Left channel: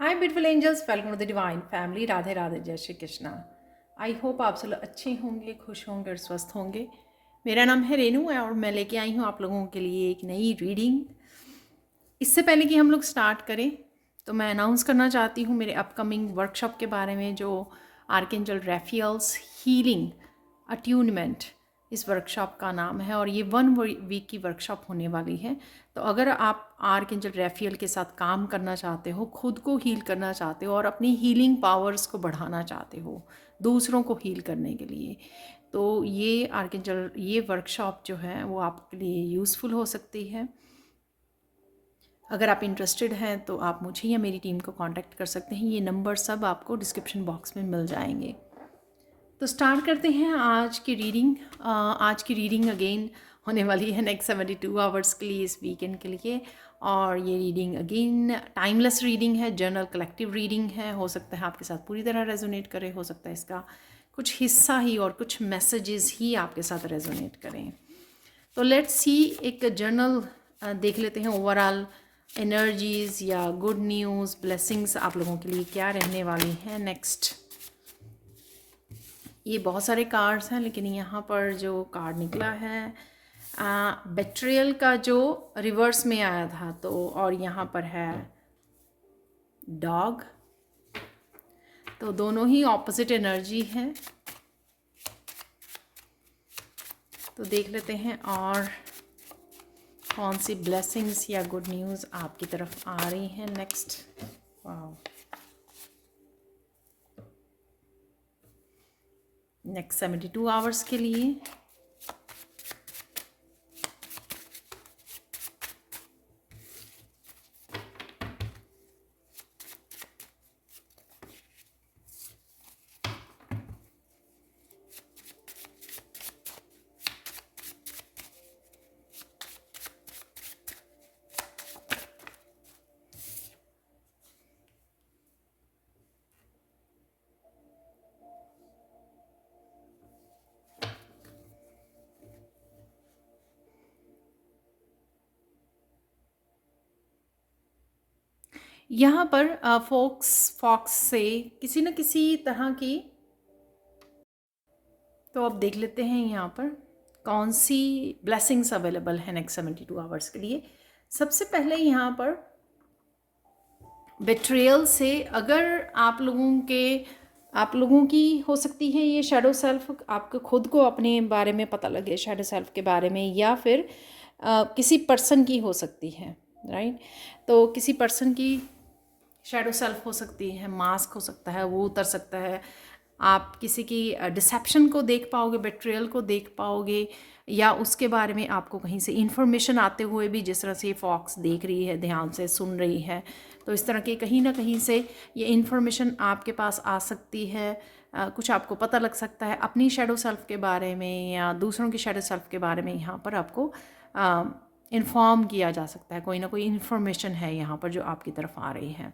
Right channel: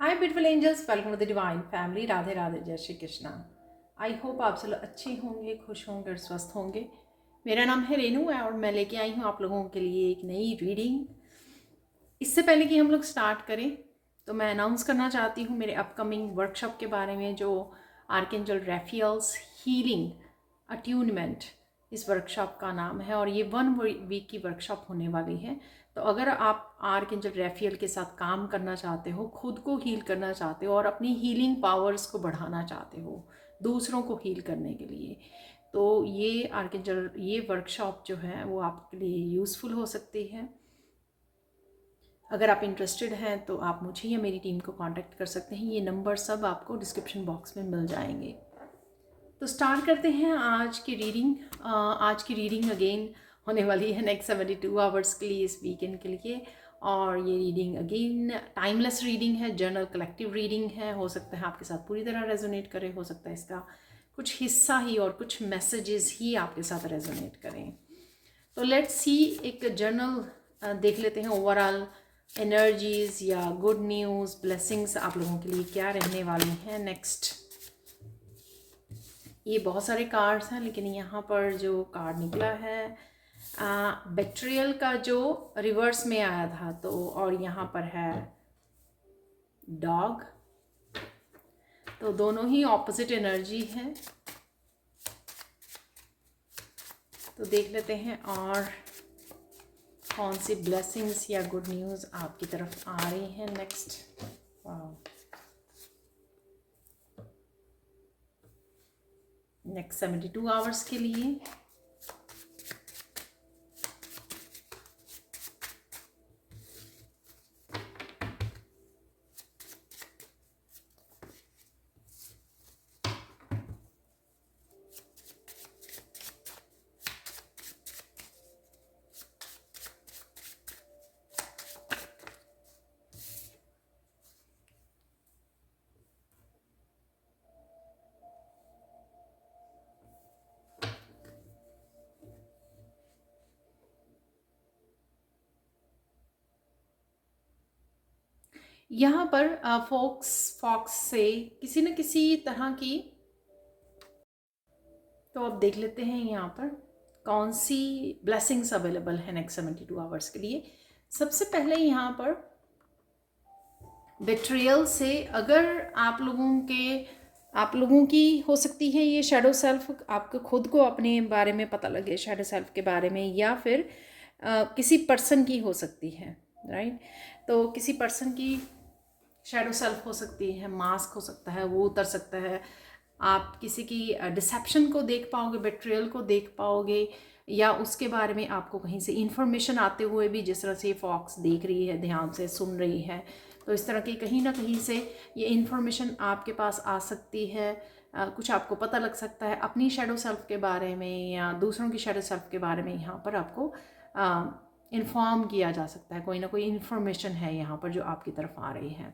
Hi beautiful angels, welcome to the divine family. Radhe Radhe, जय Shri Krishna. I hope आप सब अच्छे होंगे, खुश होंगे और स्वस्थ होंगे। मेरा नाम है रेनू और मैं लेके आई हूँ आप लोगों के लिए एक नई रीडिंग। इससे पहले कि हम लोग स्टार्ट करें तो मैं अनाउंस करना चाहती हूँ मेरे अपकमिंग वर्कशॉप के बारे में, जो आर्कएंजल रैफियल्स हीलिंग अट्यूनमेंट इस वर्कशॉप का नाम है। और ये 1 वीक की वर्कशॉप होने वाली है। तो अगर आप आर्कएंजल रैफियल के साथ काम करना चाहते हो, खुद को हील करना चाहते हो और अपनी हीलिंग पावर्स को बढ़ाना चाहते हो दूसरों को हील करने के लिए, तो ये वर्कशॉप जो है वो आपके लिए यूज़फुल हो सकती है। अगर आप इंटरेस्टेड हैं तो आप मुझे या मेरी टीम को कांटेक्ट कर सकते हैं। ये नंबर सब आपको डिस्क्रिप्शन बॉक्स में मिल जाएंगे। तो स्टार्ट करते हैं आज की रीडिंग। आज की रीडिंग अगेन होने वाली है नेक्स्ट 72 आवर्स के लिए, इस वीकेंड के लिए। और ये रीडिंग अगेन टाइमलेस रीडिंग है, जर्नल कलेक्टिव रीडिंग है। हो सकता है आपके साथ पूरी तरह रेजोनेट करे, हो सकता है इसका कुछ हिस्सा ही और कुछ मैसेजेस ही आपके साथ रेजोनेट करें। तो लेट्स सी, एक जर्नल देख लेते हैं। ओवरऑल एनर्जीज या गुड न्यूज़, ब्लेसिंग्स आप लोगों के लिए क्या रहने वाली हैं नेक्स्ट। ये बहुत सारे कार्ड्स हैं, लेकिन यहाँ पर जो कार्ड निकला है बेट्रियल का, जो रिवर्स में आया था, तो और यहाँ पर है डॉग। तो दोनों ही ऑपोजिट एनर्जी है। तो देख लेते हैं और कौन सी ब्लेसिंग्स या गुड न्यूज़ आपकी तरफ आ रही हैं नेक्स्ट। नेक्स्ट 72 आवर्स के लिए। यहाँ पर फॉक्स से किसी न किसी तरह की, तो अब देख लेते हैं यहाँ पर कौन सी ब्लेसिंग्स अवेलेबल है नेक्स्ट 72 आवर्स के लिए। सबसे पहले यहाँ पर बेट्रियल से, अगर आप लोगों की हो सकती है ये शैडो सेल्फ, आपको खुद को अपने बारे में पता लगे शैडो सेल्फ के बारे में, या फिर किसी पर्सन की हो सकती है, राइट। तो किसी पर्सन की शैडो सेल्फ हो सकती है, मास्क हो सकता है, वो उतर सकता है। आप किसी की डिसेप्शन को देख पाओगे, बेट्रियल को देख पाओगे, या उसके बारे में आपको कहीं से इन्फॉर्मेशन आते हुए भी, जिस तरह से फॉक्स देख रही है, ध्यान से सुन रही है, तो इस तरह की कहीं ना कहीं से ये इन्फॉर्मेशन आपके पास आ सकती है। कुछ आपको पता लग सकता है अपनी शैडो सेल्फ के बारे में या दूसरों की शैडो सेल्फ के बारे में। यहाँ पर आपको इन्फॉर्म किया जा सकता है, कोई ना कोई इन्फॉर्मेशन है यहाँ पर जो आपकी तरफ आ रही है।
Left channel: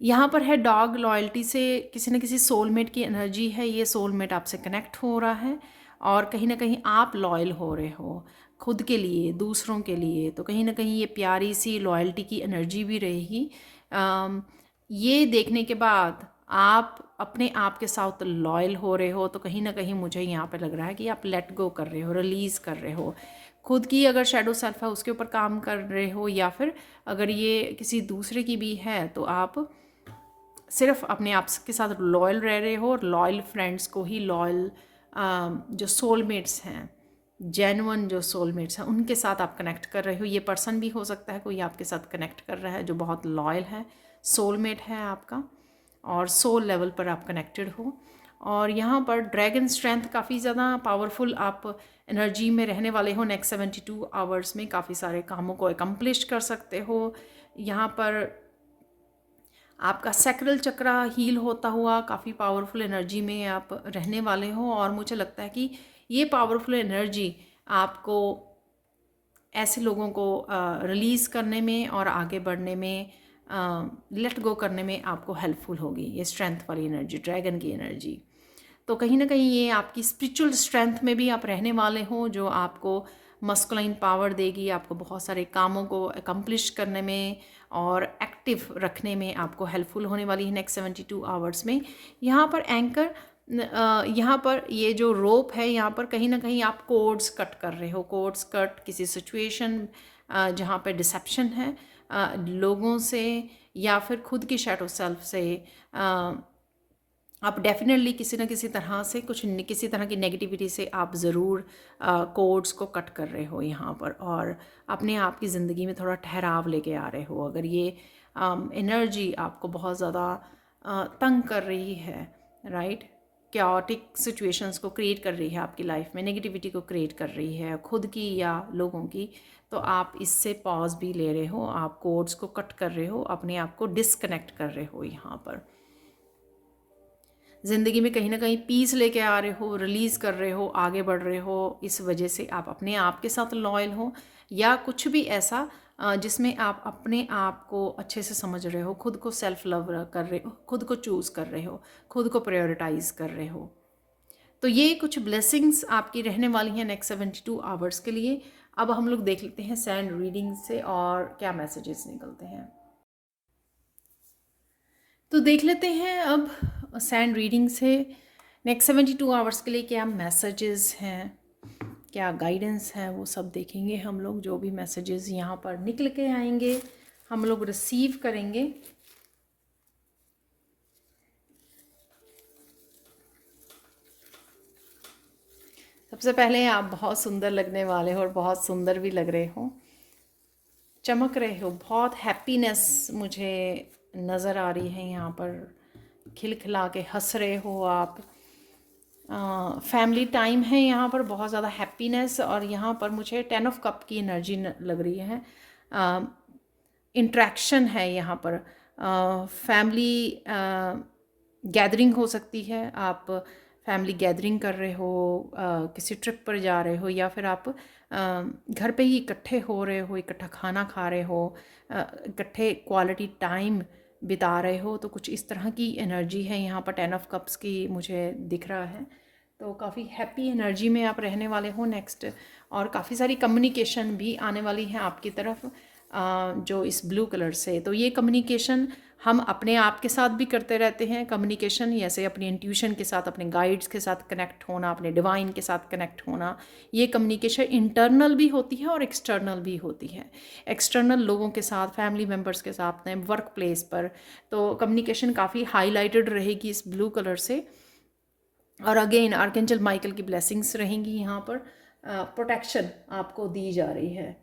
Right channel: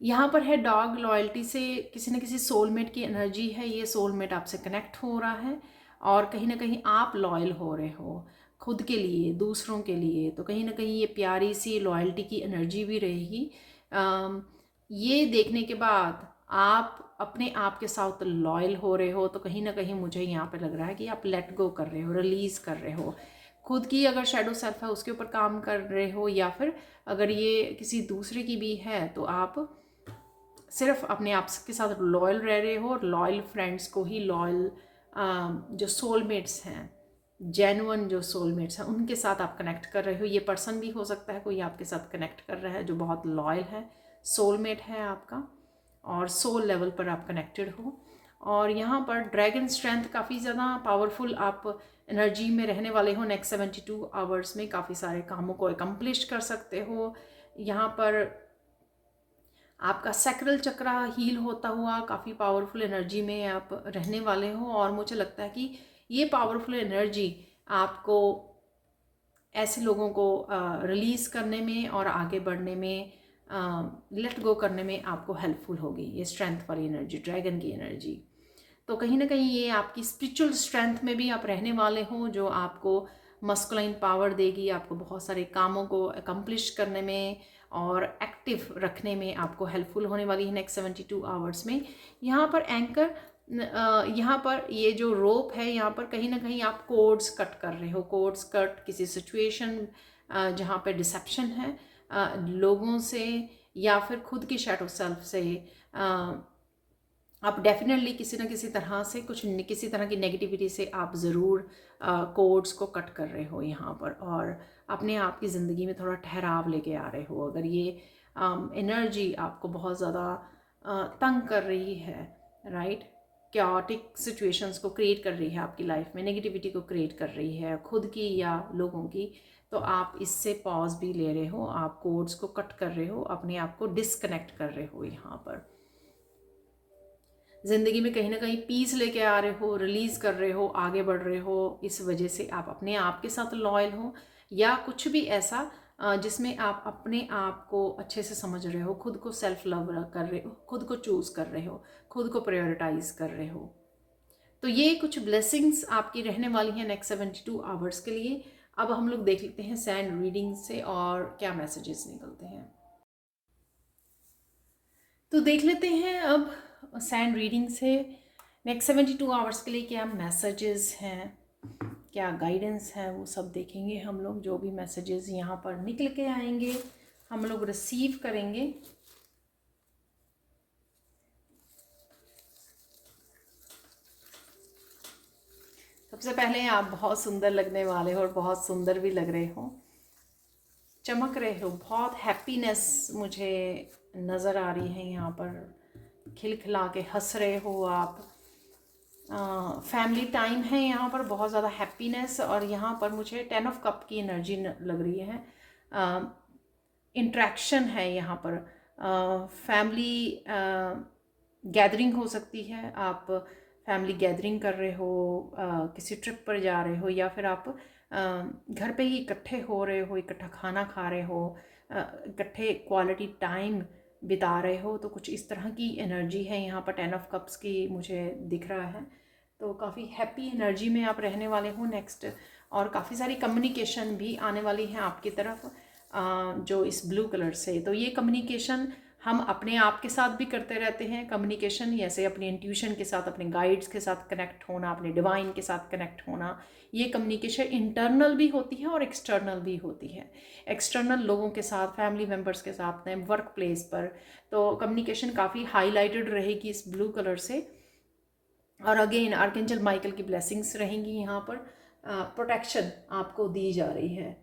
यहाँ पर है डॉग, लॉयल्टी से किसी न किसी सोलमेट की एनर्जी है। ये सोलमेट आपसे कनेक्ट हो रहा है और कहीं ना कहीं आप लॉयल हो रहे हो खुद के लिए, दूसरों के लिए। तो कहीं ना कहीं ये प्यारी सी लॉयल्टी की एनर्जी भी रहेगी। ये देखने के बाद आप अपने आप के साथ लॉयल हो रहे हो, तो कहीं ना कहीं मुझे यहाँ पे लग रहा है कि आप लेट गो कर रहे हो, रिलीज़ कर रहे हो खुद की। अगर शैडो सेल्फ है उसके ऊपर काम कर रहे हो, या फिर अगर ये किसी दूसरे की भी है, तो आप सिर्फ अपने आप के साथ लॉयल रह रहे हो और लॉयल फ्रेंड्स को ही, लॉयल जो सोलमेट्स हैं, जेन्युइन जो सोलमेट्स हैं, उनके साथ आप कनेक्ट कर रहे हो। ये पर्सन भी हो सकता है कोई आपके साथ कनेक्ट कर रहा है जो बहुत लॉयल है, सोलमेट है आपका, और सोल लेवल पर आप कनेक्टेड हो। और यहाँ पर ड्रैगन स्ट्रेंथ काफ़ी ज़्यादा पावरफुल आप एनर्जी में रहने वाले हो। नेक्स्ट 72 आवर्स में काफ़ी सारे कामों को एकम्प्लिश कर सकते हो। यहाँ पर आपका सैक्रल चक्रा हील होता हुआ काफ़ी पावरफुल एनर्जी में आप रहने वाले हो। और मुझे लगता है कि ये पावरफुल एनर्जी आपको ऐसे लोगों को रिलीज़ करने में और आगे बढ़ने में, लेट गो करने में आपको हेल्पफुल होगी। ये स्ट्रेंथ वाली एनर्जी, ड्रैगन की एनर्जी, तो कहीं ना कहीं ये आपकी स्पिरिचुअल स्ट्रेंथ में भी आप रहने वाले हो, जो आपको मस्कुलाइन पावर देगी, आपको बहुत सारे कामों को अकम्प्लिश करने में और एक्टिव रखने में आपको हेल्पफुल होने वाली है नेक्स्ट 72 आवर्स में। यहाँ पर एंकर, यहाँ पर ये जो रोप है, यहाँ पर कहीं ना कहीं आप कोड्स कट कर रहे हो, कोड्स कट किसी सिचुएशन जहाँ पे डिसेप्शन है लोगों से या फिर खुद की शैडो सेल्फ से। आप डेफिनेटली किसी न किसी तरह से किसी तरह की नेगेटिविटी से आप ज़रूर कोड्स को कट कर रहे हो यहाँ पर, और अपने आप की ज़िंदगी में थोड़ा ठहराव लेके आ रहे हो। अगर ये एनर्जी आपको बहुत ज़्यादा तंग कर रही है, राइट, कैओटिक सिचुएशंस को क्रिएट कर रही है आपकी लाइफ में, नेगेटिविटी को क्रिएट कर रही है खुद की या लोगों की, तो आप इससे पॉज भी ले रहे हो, आप कोड्स को कट कर रहे हो, अपने आप को डिस्कनेक्ट कर रहे हो। यहाँ पर ज़िंदगी में कहीं ना कहीं पीस लेके आ रहे हो, रिलीज़ कर रहे हो, आगे बढ़ रहे हो। इस वजह से आप अपने आप के साथ लॉयल हो, या कुछ भी ऐसा जिसमें आप अपने आप को अच्छे से समझ रहे हो, खुद को सेल्फ लव कर रहे हो, खुद को चूज़ कर रहे हो, खुद को प्रायोरिटाइज कर रहे हो। तो ये कुछ ब्लेसिंग्स आपकी रहने वाली हैं नेक्स्ट 72 आवर्स के लिए। अब हम लोग देख लेते हैं सैंड रीडिंग से और क्या मैसेजेस निकलते हैं। तो देख लेते हैं अब सैंड रीडिंग से नेक्स्ट 72 आवर्स के लिए क्या मैसेजेस हैं, क्या गाइडेंस है, वो सब देखेंगे हम लोग। जो भी मैसेजेस यहाँ पर निकल के आएंगे हम लोग रिसीव करेंगे। सबसे पहले आप बहुत सुंदर लगने वाले हो और बहुत सुंदर भी लग रहे हो, चमक रहे हो, बहुत हैप्पीनेस मुझे नज़र आ रही है यहाँ पर, खिलखिला के हंस रहे हो आप। फैमिली टाइम है यहाँ पर, बहुत ज़्यादा हैप्पीनेस। और यहाँ पर मुझे 10 ऑफ कप की एनर्जी लग रही है, इंट्रैक्शन है यहाँ पर, फैमिली गैदरिंग हो सकती है, आप फैमिली गैदरिंग कर रहे हो, किसी ट्रिप पर जा रहे हो, या फिर आप घर पे ही इकट्ठे हो रहे हो, इकट्ठा खाना खा रहे हो, इकट्ठे क्वालिटी टाइम बिता रहे हो। तो कुछ इस तरह की एनर्जी है यहाँ पर 10 ऑफ कप्स की मुझे दिख रहा है। तो काफ़ी हैप्पी एनर्जी में आप रहने वाले हो नेक्स्ट, और काफ़ी सारी कम्युनिकेशन भी आने वाली है आपकी तरफ जो इस ब्लू कलर से। तो ये कम्युनिकेशन हम अपने आप के साथ भी करते रहते हैं कम्युनिकेशन, जैसे अपने इंट्यूशन के साथ, अपने गाइड्स के साथ कनेक्ट होना, अपने डिवाइन के साथ कनेक्ट होना। ये कम्युनिकेशन इंटरनल भी होती है और एक्सटर्नल भी होती है। एक्सटर्नल लोगों के साथ, फैमिली मेम्बर्स के साथ, वर्क प्लेस पर, तो कम्युनिकेशन काफ़ी हाईलाइटेड रहेगी इस ब्लू कलर से। और अगेन आर्कएंजल माइकल की ब्लेसिंग्स रहेंगी यहाँ पर, प्रोटेक्शन आपको दी जा रही है।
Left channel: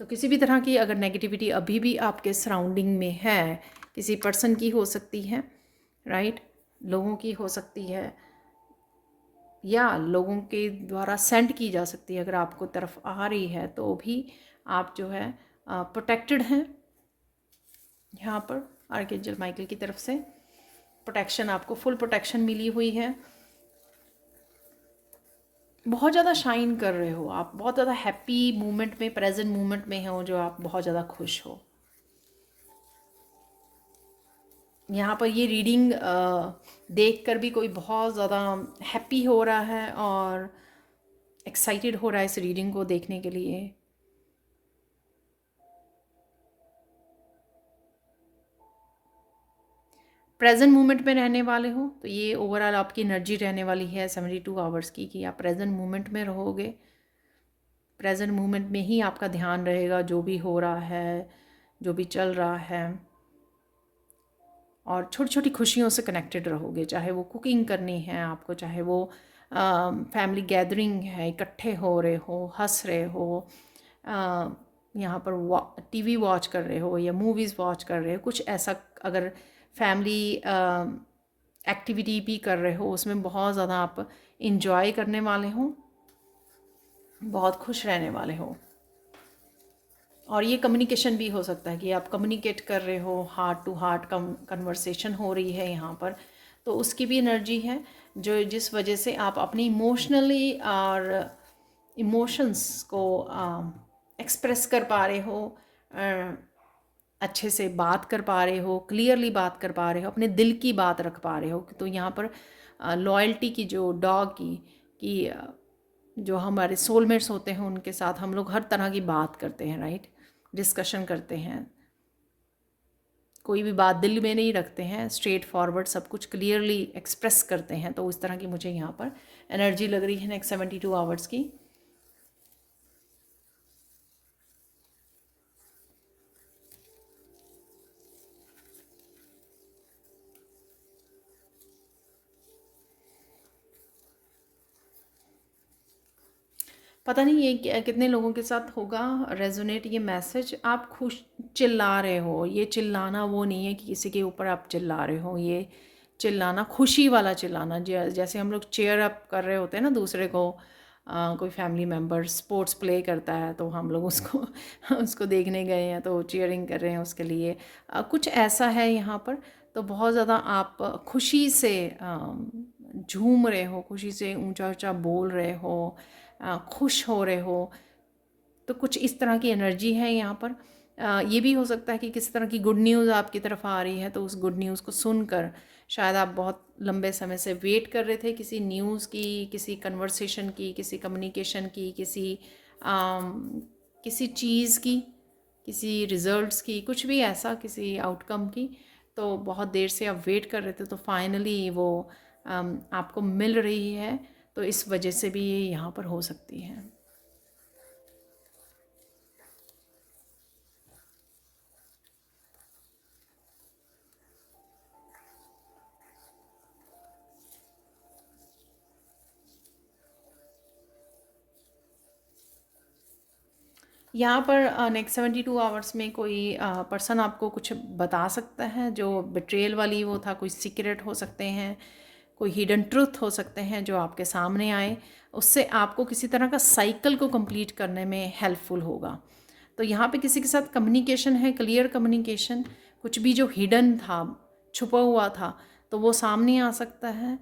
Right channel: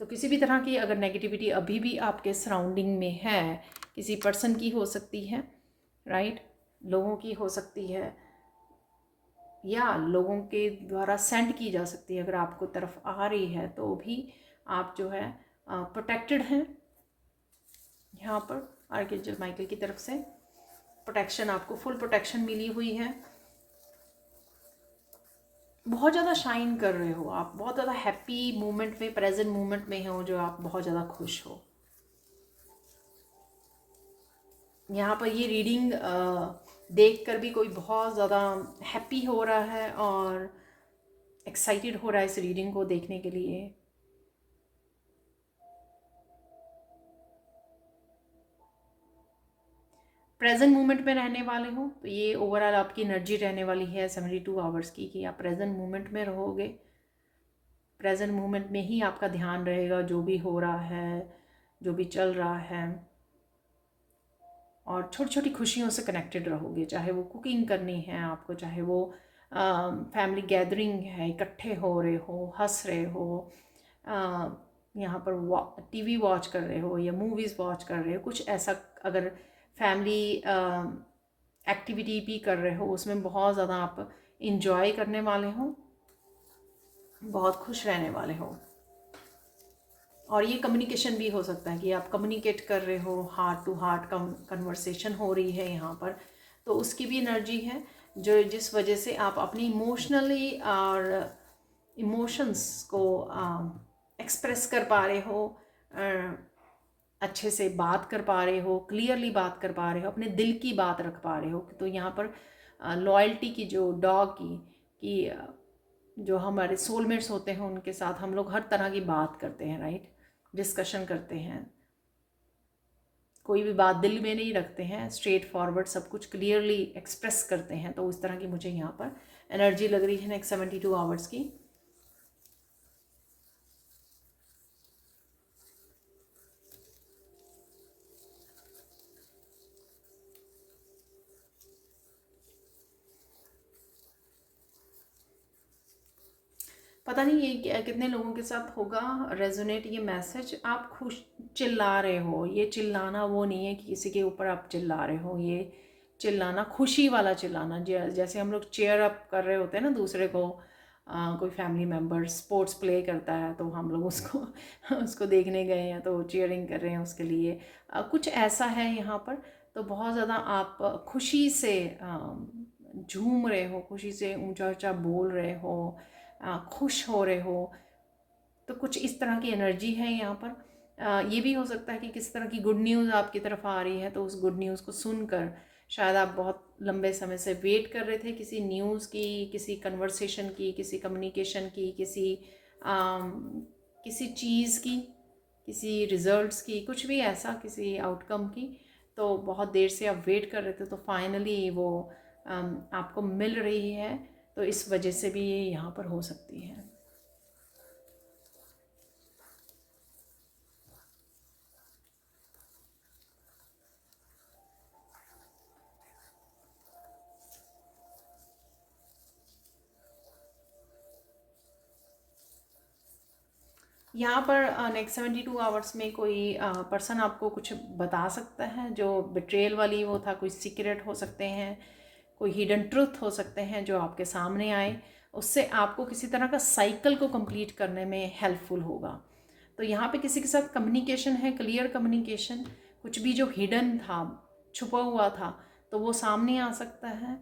तो किसी भी तरह की अगर नेगेटिविटी अभी भी आपके सराउंडिंग में है, किसी पर्सन की हो सकती है, राइट, लोगों की हो सकती है, या लोगों के द्वारा सेंड की जा सकती है, अगर आपको तरफ आ रही है तो भी आप जो है प्रोटेक्टेड हैं। यहाँ पर आर्कएंजल माइकल की तरफ से प्रोटेक्शन, आपको फुल प्रोटेक्शन मिली हुई है। बहुत ज़्यादा शाइन कर रहे हो आप, बहुत ज़्यादा हैप्पी मोमेंट में, प्रेजेंट मोमेंट में हो, जो आप बहुत ज़्यादा खुश हो। यहाँ पर ये रीडिंग देख कर भी कोई बहुत ज़्यादा हैप्पी हो रहा है और एक्साइटेड हो रहा है इस रीडिंग को देखने के लिए। प्रेजेंट मोमेंट में रहने वाले हो, तो ये ओवरऑल आपकी एनर्जी रहने वाली है 72 आवर्स की, कि आप प्रेजेंट मोमेंट में रहोगे। प्रेजेंट मोमेंट में ही आपका ध्यान रहेगा, जो भी हो रहा है, जो भी चल रहा है, और छोटी छोटी खुशियों से कनेक्टेड रहोगे। चाहे वो कुकिंग करनी है आपको, चाहे वो फैमिली गैदरिंग है, इकट्ठे हो रहे हो, हंस रहे हो, यहाँ पर टीवी वॉच कर रहे हो या मूवीज़ वॉच कर रहे हो, कुछ ऐसा अगर फैमिली एक्टिविटी भी कर रहे हो, उसमें बहुत ज़्यादा आप इंजॉय करने वाले हो, बहुत खुश रहने वाले हो। और ये कम्युनिकेशन भी हो सकता है कि आप कम्युनिकेट कर रहे हो, हार्ट टू हार्ट कन्वर्सेशन हो रही है यहाँ पर, तो उसकी भी एनर्जी है, जो जिस वजह से आप अपनी इमोशनली और इमोशंस को एक्सप्रेस कर पा रहे हो, अच्छे से बात कर पा रहे हो, क्लियरली बात कर पा रहे हो, अपने दिल की बात रख पा रहे हो। तो यहाँ पर लॉयल्टी की, जो डॉग की जो हमारे सोलमेट्स होते हैं उनके साथ हम लोग हर तरह की बात करते हैं, राइट, डिस्कशन करते हैं, कोई भी बात दिल में नहीं रखते हैं, स्ट्रेट फॉरवर्ड सब कुछ क्लियरली एक्सप्रेस करते हैं। तो उस तरह की मुझे यहाँ पर एनर्जी लग रही है नेक्स्ट 72 आवर्स की। पता नहीं ये कितने लोगों के साथ होगा रेजोनेट ये मैसेज। आप खुश चिल्ला रहे हो, ये चिल्लाना वो नहीं है कि किसी के ऊपर आप चिल्ला रहे हो, ये चिल्लाना खुशी वाला चिल्लाना, जैसे हम लोग चेयर अप कर रहे होते हैं ना दूसरे को। कोई फैमिली मेम्बर स्पोर्ट्स प्ले करता है तो हम लोग उसको उसको देखने गए हैं तो चीयरिंग कर रहे हैं उसके लिए, कुछ ऐसा है यहाँ पर। तो बहुत ज़्यादा आप खुशी से झूम रहे हो, खुशी से ऊंचा ऊंचा बोल रहे हो, खुश हो रहे हो। तो कुछ इस तरह की एनर्जी है यहाँ पर। ये भी हो सकता है कि किस तरह की गुड न्यूज़ आपकी तरफ आ रही है, तो उस गुड न्यूज़ को सुनकर शायद आप बहुत लंबे समय से वेट कर रहे थे किसी न्यूज़ की, किसी कन्वर्सेशन की, किसी कम्युनिकेशन की, किसी चीज़ की, किसी रिजल्ट्स की, कुछ भी ऐसा, किसी आउटकम की। तो बहुत देर से आप वेट कर रहे थे तो फाइनली वो आपको मिल रही है। तो इस वजह से भी ये यहाँ पर हो सकती है। यहाँ पर नेक्स्ट 72 आवर्स में कोई पर्सन आपको कुछ बता सकता है, जो बिट्रेयल वाली वो था, कोई सीक्रेट हो सकते हैं, कोई हिडन ट्रुथ हो सकते हैं जो आपके सामने आए, उससे आपको किसी तरह का साइकिल को कंप्लीट करने में हेल्पफुल होगा। तो यहाँ पे किसी के साथ कम्युनिकेशन है, क्लियर कम्युनिकेशन, कुछ भी जो हिडन था, छुपा हुआ था, तो वो सामने आ सकता है।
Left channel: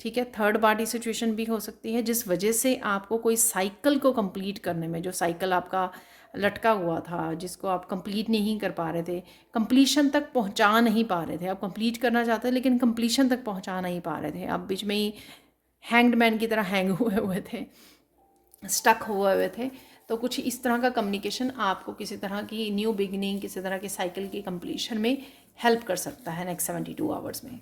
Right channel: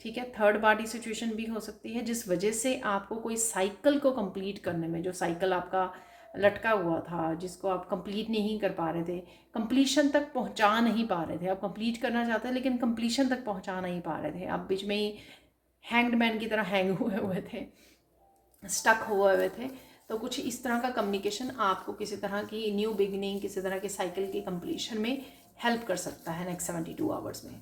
ठीक है, थर्ड पार्टी सिचुएशन भी हो सकती है जिस वजह से आपको कोई साइकिल को कंप्लीट करने में, जो साइकिल आपका लटका हुआ था जिसको आप कंप्लीट नहीं कर पा रहे थे, कंप्लीशन तक पहुंचा नहीं पा रहे थे, आप कंप्लीट करना चाहते थे लेकिन कंप्लीशन तक पहुंचा नहीं पा रहे थे, आप बीच में ही हैंग्ड मैन की तरह हैंग हुए हुए थे, स्टक हुए हुए थे। तो कुछ इस तरह का कम्युनिकेशन आपको किसी तरह की न्यू बिगिनिंग, किसी तरह की साइकिल की कंप्लीशन में हेल्प कर सकता है नेक्स्ट 72 आवर्स में।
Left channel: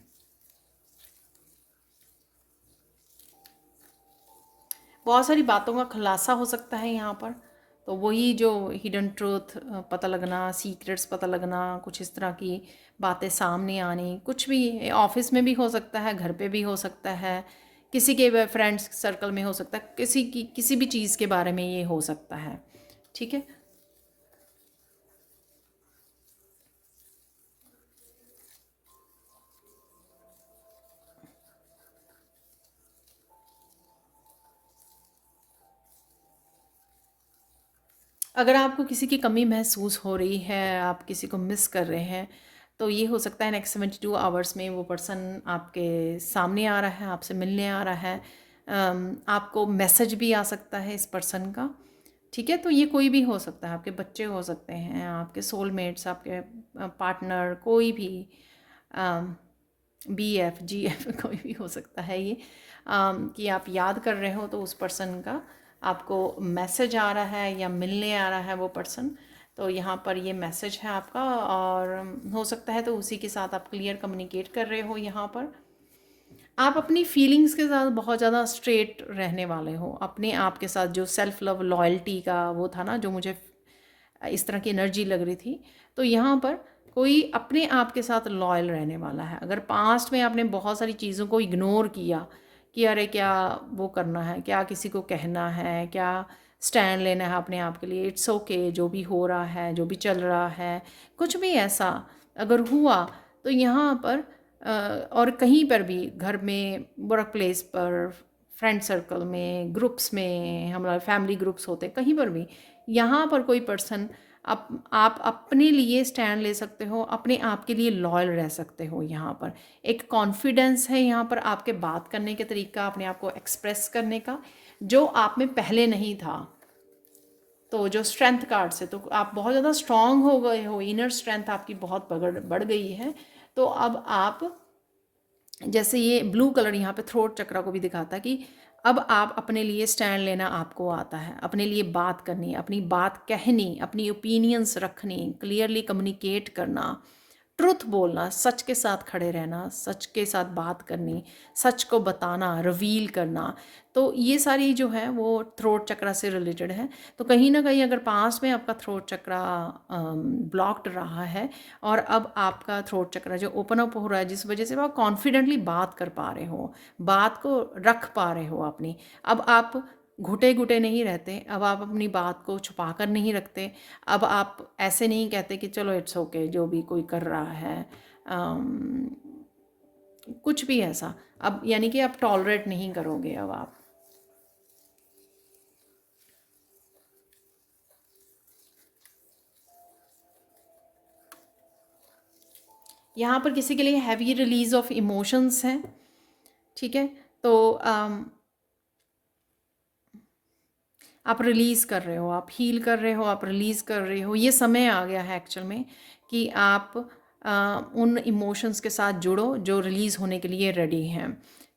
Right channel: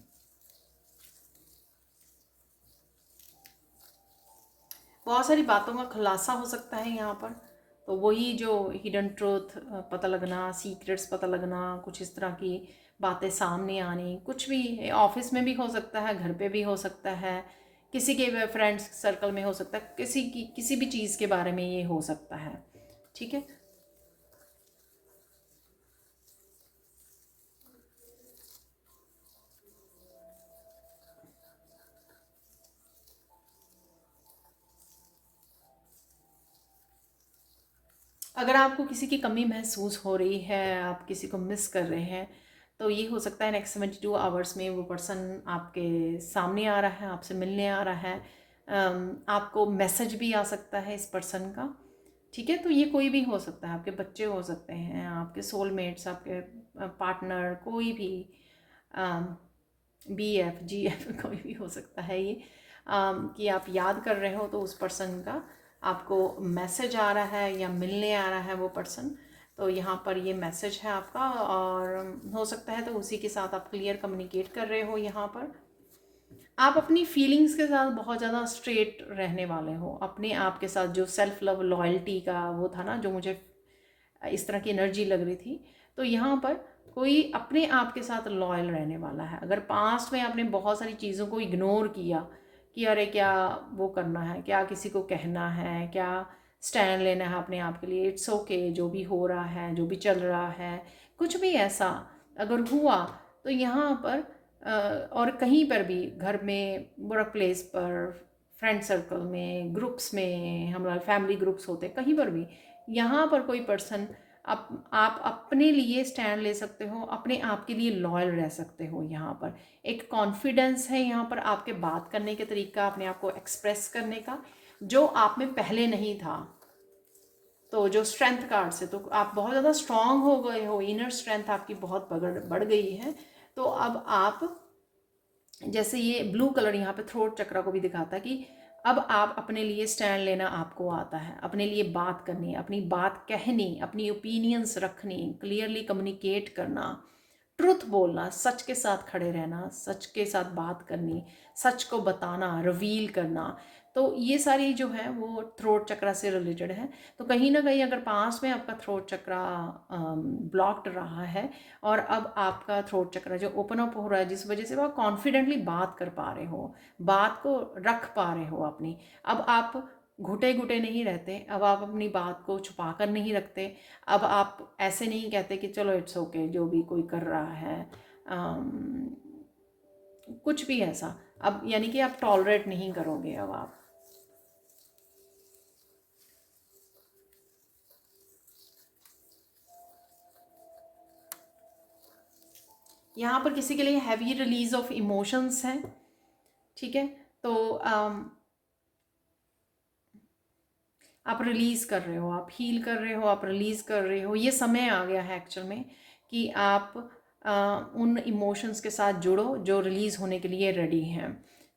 बहुत सारी बातों का खुलासा हो सकता है यहाँ पर। तो वही जो हिडन ट्रूथ पता लगना, सीक्रेट्स पता लगना, कुछ इस तरह की बातें सामने आनी, कुछ भी ऑफिस में भी हो सकता है, घर पे भी हो सकता है, किसी के फ्रेंड्स सर्कल में हो सकता है, किसी भी चीज़ के बारे में ये हो सकता है। ठीक है, अगर आपको किसी की कमी महसूस हो रही है, आप किसी को मिस कर रहे हैं, तो ये हो सकता है नेक्स्ट 72 आवर्स में वो पर्सन आपके सामने आ रहा है, आपसे मिलने आ रहा है। आपको मैसेज भी आ सकता है इस पर्सन का। ठीक है, तो ये कोई भी हो सकता है, आपके बच्चे हो सकते हैं, आपके सोलमेट्स, आपके पार्टनर, कोई भी BF GF कोई भी हो सकता है ये। कि आप याद कर रहे हो तो उस पर्सन का आपको मैसेज आ रहा है या मिलने आ रहा है वो पर्सन। तो यहाँ पर ये मैसेज है आपका, और हो सकता है तो उसी के साथ आप क्लियर कम्युनिकेट कर रहे हो। यहाँ पर आप अपनी फीलिंग्स के साथ बहुत ज़्यादा स्ट्रेट रहने वाले हो, अपने आप के साथ। जो सेल्फ लव लॉयल्टी का वो था ना, जो मुझे इस तरह की एनर्जी लग रही थी, तो यहाँ पर कोई अपने आप के साथ लॉयल रहने वाला है। अगर पास्ट में आपने बहुत सारी चीज़ों को इग्नोर किया कि अरे क्या वो करना है, क्या किसी को कहना है, क्या स्टैंड लेना है अपने आप के लिए, इट्स ओके जो भी हो रहा है, जो भी चल रहा है, कुछ भी ऐसा अगर हुआ, तो यहाँ पर और कहीं पर भी, घर में, वर्क प्लेस पर, फ्रेंड सर्कल में, ग्रुप्स में, हमारे फैमिली ग्रुप्स होते हैं, कहीं पर भी यहाँ पर कोई पर्सन, आप अपने लिए स्टैंड ले सकते हो, अपने आप के लिए लॉयल रह सकते हो। यहाँ पर एक कॉन्फिडेंस है यहाँ पर आपके बात करने के तरीका, अपने आप को एक्सप्रेस करने का, जो आप में पहले नहीं था। तो जो स्ट्रेंथ कार्ड से तो आप बहुत ज़्यादा स्ट्रांग हो गए हो, इनर स्ट्रेंथ आपकी बहुत बढ़ गई है। तो अब आप, जैसे ये ब्लू कलर यहाँ पे थ्रोट चक्रा को भी दिखाता है कि अब आप अपने लिए स्टैंड लेना आपको आता है, अपने लिए बात करनी, अपनी बात कहनी, अपनी ओपिनियंस रखनी, क्लियरली कम्युनिकेट करना, ट्रुथ बोलना, सच के साथ खड़े रहना, सच के साथ बात करनी, सच को बताना, रिवील करना। तो ये सारी जो है वो थ्रोट चक्रा से रिलेटेड है। तो कहीं ना कहीं अगर पास में आपका थ्रोट चक्रा ब्लॉक्ड रहा है और अब आपका थ्रोट चक्रा जो ओपन अप हो रहा है, जिस वजह से आप कॉन्फिडेंटली बात कर पा रहे हो, बात को रख पा रहे हो अपनी, अब आप घुटे घुटे नहीं रहते, अब आप अपनी बात को छुपा कर नहीं रखते, अब आप ऐसे नहीं कहते कि चलो इट्स ओके जो भी कोई कर रहा है, कुछ भी ऐसा, अब यानी कि आप टॉलरेट नहीं करोगे अब आप। यहाँ पर किसी के लिए हैवी रिलीज ऑफ इमोशंस हैं, ठीक है। तो आप रिलीज़ कर रहे हो, आप हील कर रहे हो, आप रिलीज़ कर रहे हो। ये समय आ गया है एक्चुअल में कि आप उन इमोशंस के साथ जुड़ो जो रिलीज़ होने के लिए रेडी हैं,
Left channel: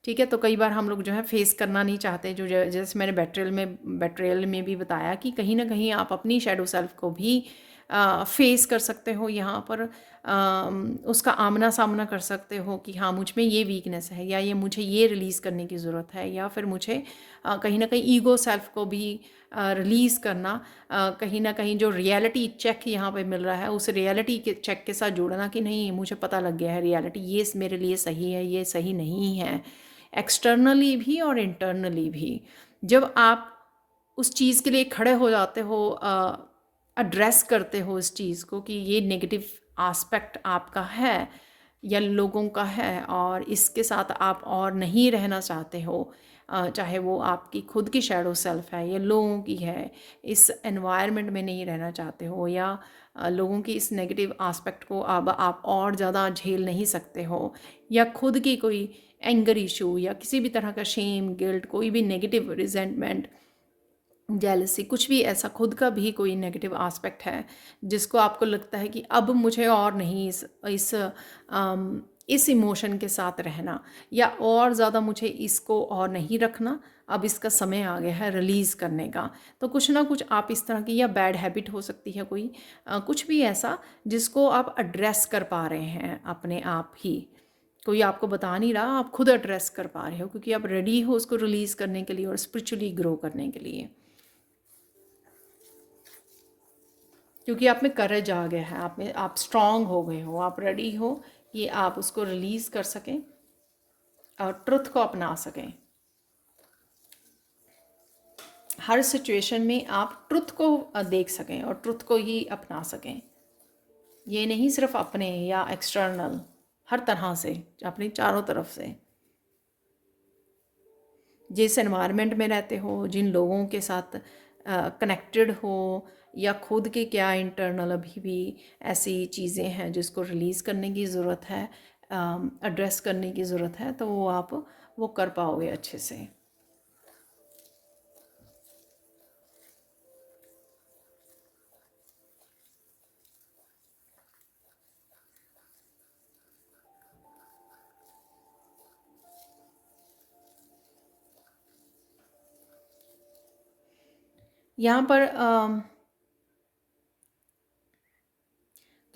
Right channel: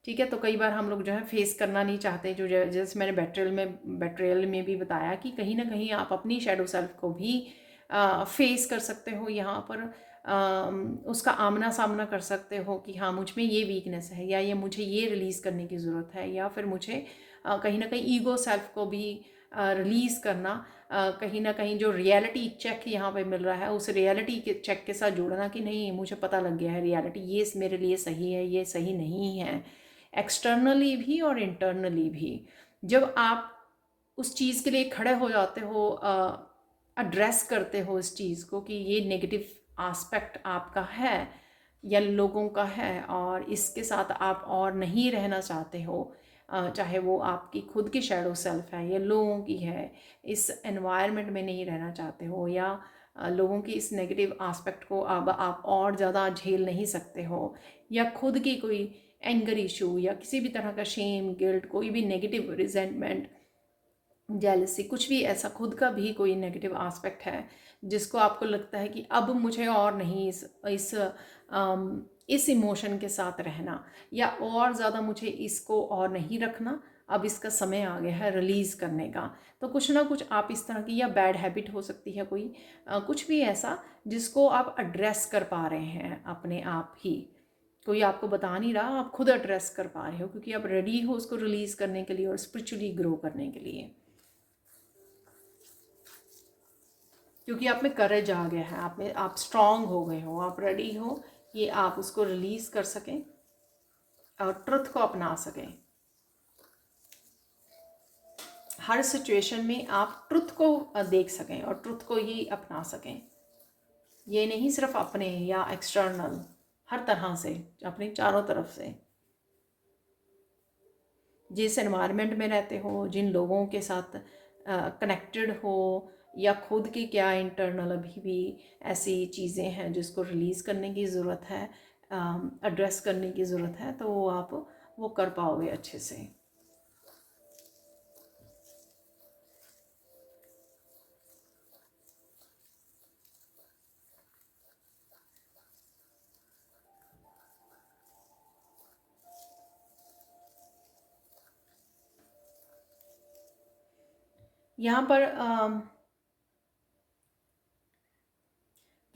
ठीक है। तो कई बार हम लोग जो है फेस करना नहीं चाहते, जो जैसे मैंने बेट्रेयल में भी बताया कि कहीं ना कहीं आप अपनी शेडो सेल्फ को भी फेस कर सकते हो, यहाँ पर उसका आमना सामना कर सकते हो कि हाँ मुझ में ये वीकनेस है, या ये मुझे ये रिलीज़ करने की ज़रूरत है, या फिर मुझे कहीं ना कहीं ईगो सेल्फ को भी रिलीज़ करना, कहीं ना कहीं जो रियलिटी चेक यहाँ पे मिल रहा है उस रियलिटी के चेक के साथ जोड़ना कि नहीं मुझे पता लग गया है रियलिटी ये मेरे लिए सही है, ये सही नहीं है, एक्सटर्नली भी और इंटरनली भी। जब आप उस चीज़ के लिए खड़े हो जाते हो, एड्रेस करते हो इस चीज़ को कि ये नेगेटिव आस्पेक्ट आपका है या लोगों का है और इसके साथ आप और नहीं रहना चाहते हो, चाहे वो आपकी खुद की शैडो सेल्फ है या लोगों की है, इस एनवायरनमेंट में नहीं रहना चाहते हो, या लोगों की इस नेगेटिव आस्पेक्ट को अब आप और ज़्यादा झेल नहीं सकते हो, या खुद की कोई एंगर इशू या किसी भी तरह का शेम गिल्ट, कोई भी नेगेटिव रिजेंटमेंट, जेलसी, कुछ भी ऐसा खुद का भी कोई नेगेटिव आस्पेक्ट है जिसको आपको लगता है कि अब मुझे और नहीं इस इमोशन के साथ रहना, या और ज़्यादा मुझे इसको और नहीं रखना, अब इसका समय आ गया है रिलीज़ करने का। तो कुछ ना कुछ आप इस तरह की, या बैड हैबिट हो सकती है कोई, कुछ भी ऐसा जिसको आप एड्रेस कर पा रहे हैं अपने आप ही, कोई आपको बता नहीं रहा, आप खुद एड्रेस कर पा रहे हो क्योंकि आप रेडी हो उसको रिलीज़ करने के लिए और स्पिरिचुअली ग्रो करने के लिए, क्योंकि आप में करेज आ गया है, आप स्ट्रांग हो गए हो, आप रेडी हो कि आप उसको रिलीज़ कर सकें और ट्रुथ को अपना सकें। हर सिचुएशन में आप ट्रुथ को देख सकें और ट्रुथ को ही अपना सकें, ये नहीं सिर्फ अपने या एक्सटर्नल, हर तरह से, अपनी चारों तरफ से, जिस एनवायरनमेंट में रहते हो, जिन लोगों के साथ कनेक्टेड हो, या खुद के क्या इंटरनल अभी भी ऐसी चीज़ें हैं जिसको रिलीज़ करने की ज़रूरत है, एड्रेस करने की ज़रूरत है, तो वो आप वो कर पाओगे अच्छे से। यहाँ पर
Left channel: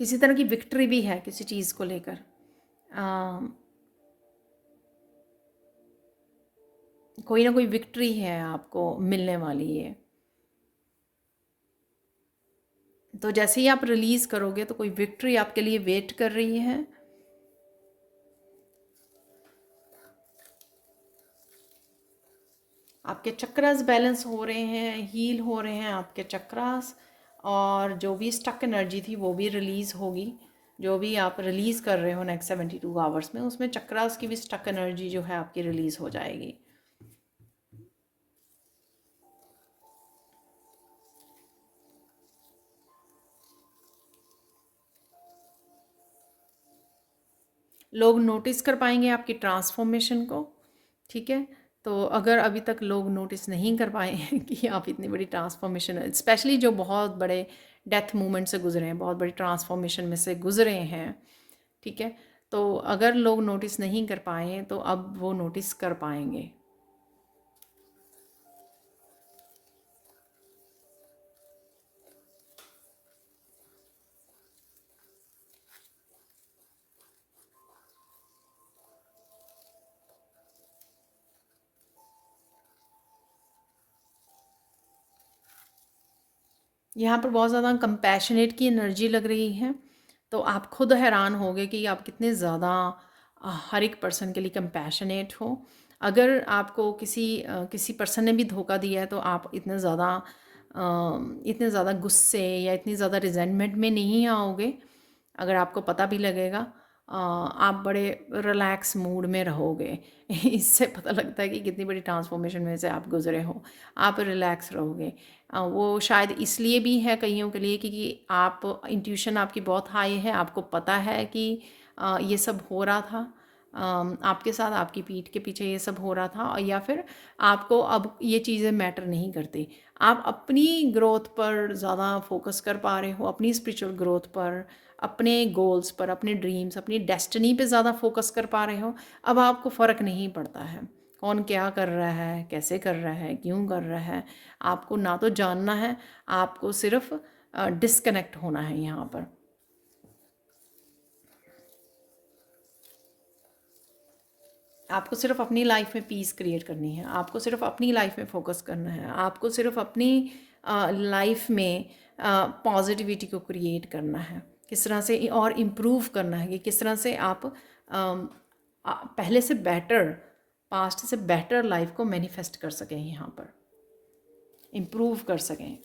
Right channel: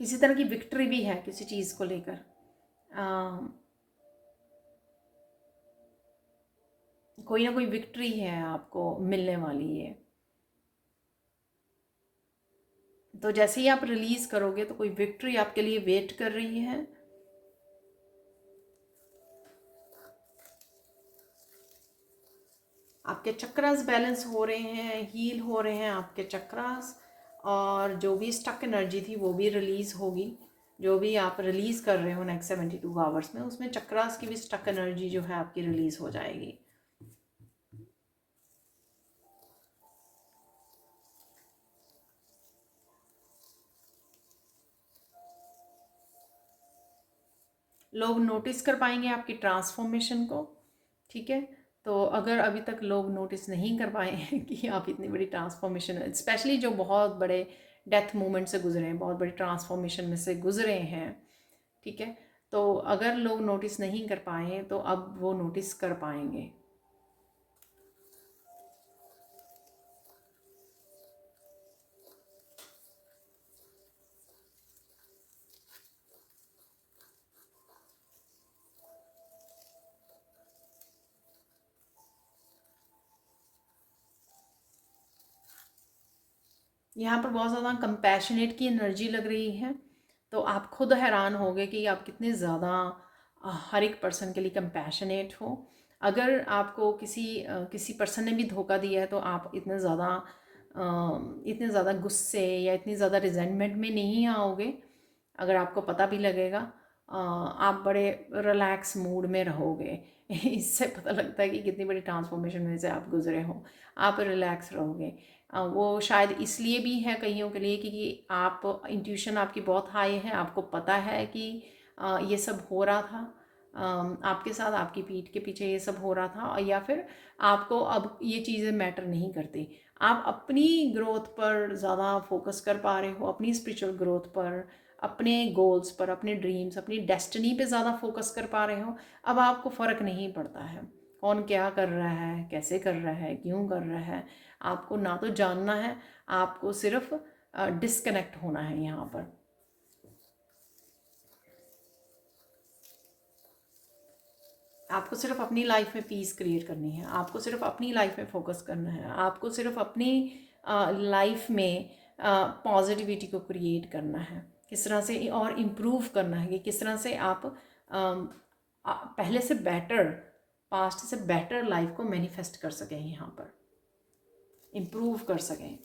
किसी तरह की विक्ट्री भी है किसी चीज़ को लेकर, कोई ना कोई विक्ट्री है आपको मिलने वाली है। तो जैसे ही आप रिलीज़ करोगे तो कोई विक्ट्री आपके लिए वेट कर रही है। आपके चक्रास बैलेंस हो रहे हैं, हील हो रहे हैं आपके चक्रास, और जो भी स्टक एनर्जी थी वो भी रिलीज़ होगी। जो भी आप रिलीज़ कर रहे हो नेक्स्ट 72 आवर्स में, उसमें चक्रास की भी स्टक एनर्जी जो है आपकी रिलीज़ हो जाएगी। लोग नोटिस कर पाएंगे आपकी ट्रांसफॉर्मेशन को, ठीक है। तो अगर अभी तक लोग नोटिस नहीं कर पाए हैं कि आप इतनी बड़ी ट्रांसफॉर्मेशन, स्पेशली जो बहुत बड़े डेथ मूवमेंट से गुजरे हैं, बहुत बड़ी ट्रांसफॉर्मेशन में से गुजरे हैं, ठीक है, तो अगर लोग नोटिस नहीं कर पाए तो अब वो नोटिस कर पाएंगे। यहाँ पर बहुत ज़्यादा कंपैशनेट की एनर्जी लग रही है। तो आप खुद हैरान होगे कि आप कितने ज़्यादा हर एक पर्सन के लिए कंपैशनेट हो। अगर आपको किसी पर्सन ने भी धोखा दिया है तो आप इतने ज़्यादा गुस्से या इतनी ज़्यादा रिजेंटमेंट में नहीं आओगे। अगर आपको पता भी लगेगा, आप बड़े रिलैक्स मूड में रहोगे। इससे पता लगता है कि कितनी बड़ी ट्रांसफॉर्मेशन में से आप गुजरे हो। आप रिलैक्स रहोगे। वो शायद इसलिए भी है कईयों के लिए क्योंकि आप इंट्यूशन आपकी बहुत हाई है, आपको पता है कि ये सब हो रहा था आपके साथ, आपकी पीठ के पीछे ये सब हो रहा था। और या फिर आपको अब ये चीज़ें मैटर नहीं करती, आप अपनी ग्रोथ पर ज़्यादा फोकस कर पा रहे हो, अपनी स्पिरिचुअल ग्रोथ पर, अपने गोल्स पर, अपने ड्रीम्स, अपनी डेस्टिनी पे ज़्यादा फोकस कर पा रहे हो। अब आपको फ़र्क नहीं पड़ता है कौन क्या कर रहा है, कैसे कर रहा है, क्यों कर रहा है। आपको ना तो जानना है, आपको सिर्फ डिस्कनेक्ट होना है यहाँ पर। आपको सिर्फ अपनी लाइफ में पीस क्रिएट करनी है, आपको सिर्फ अपनी लाइफ में फोकस करना है, आपको सिर्फ अपनी लाइफ में पॉजिटिविटी को क्रिएट करना है। किस तरह से और इम्प्रूव करना है कि किस तरह से आप पहले से बेटर, पास्ट से बेटर लाइफ को मैनिफेस्ट कर सकें, यहाँ पर इम्प्रूव कर सकें।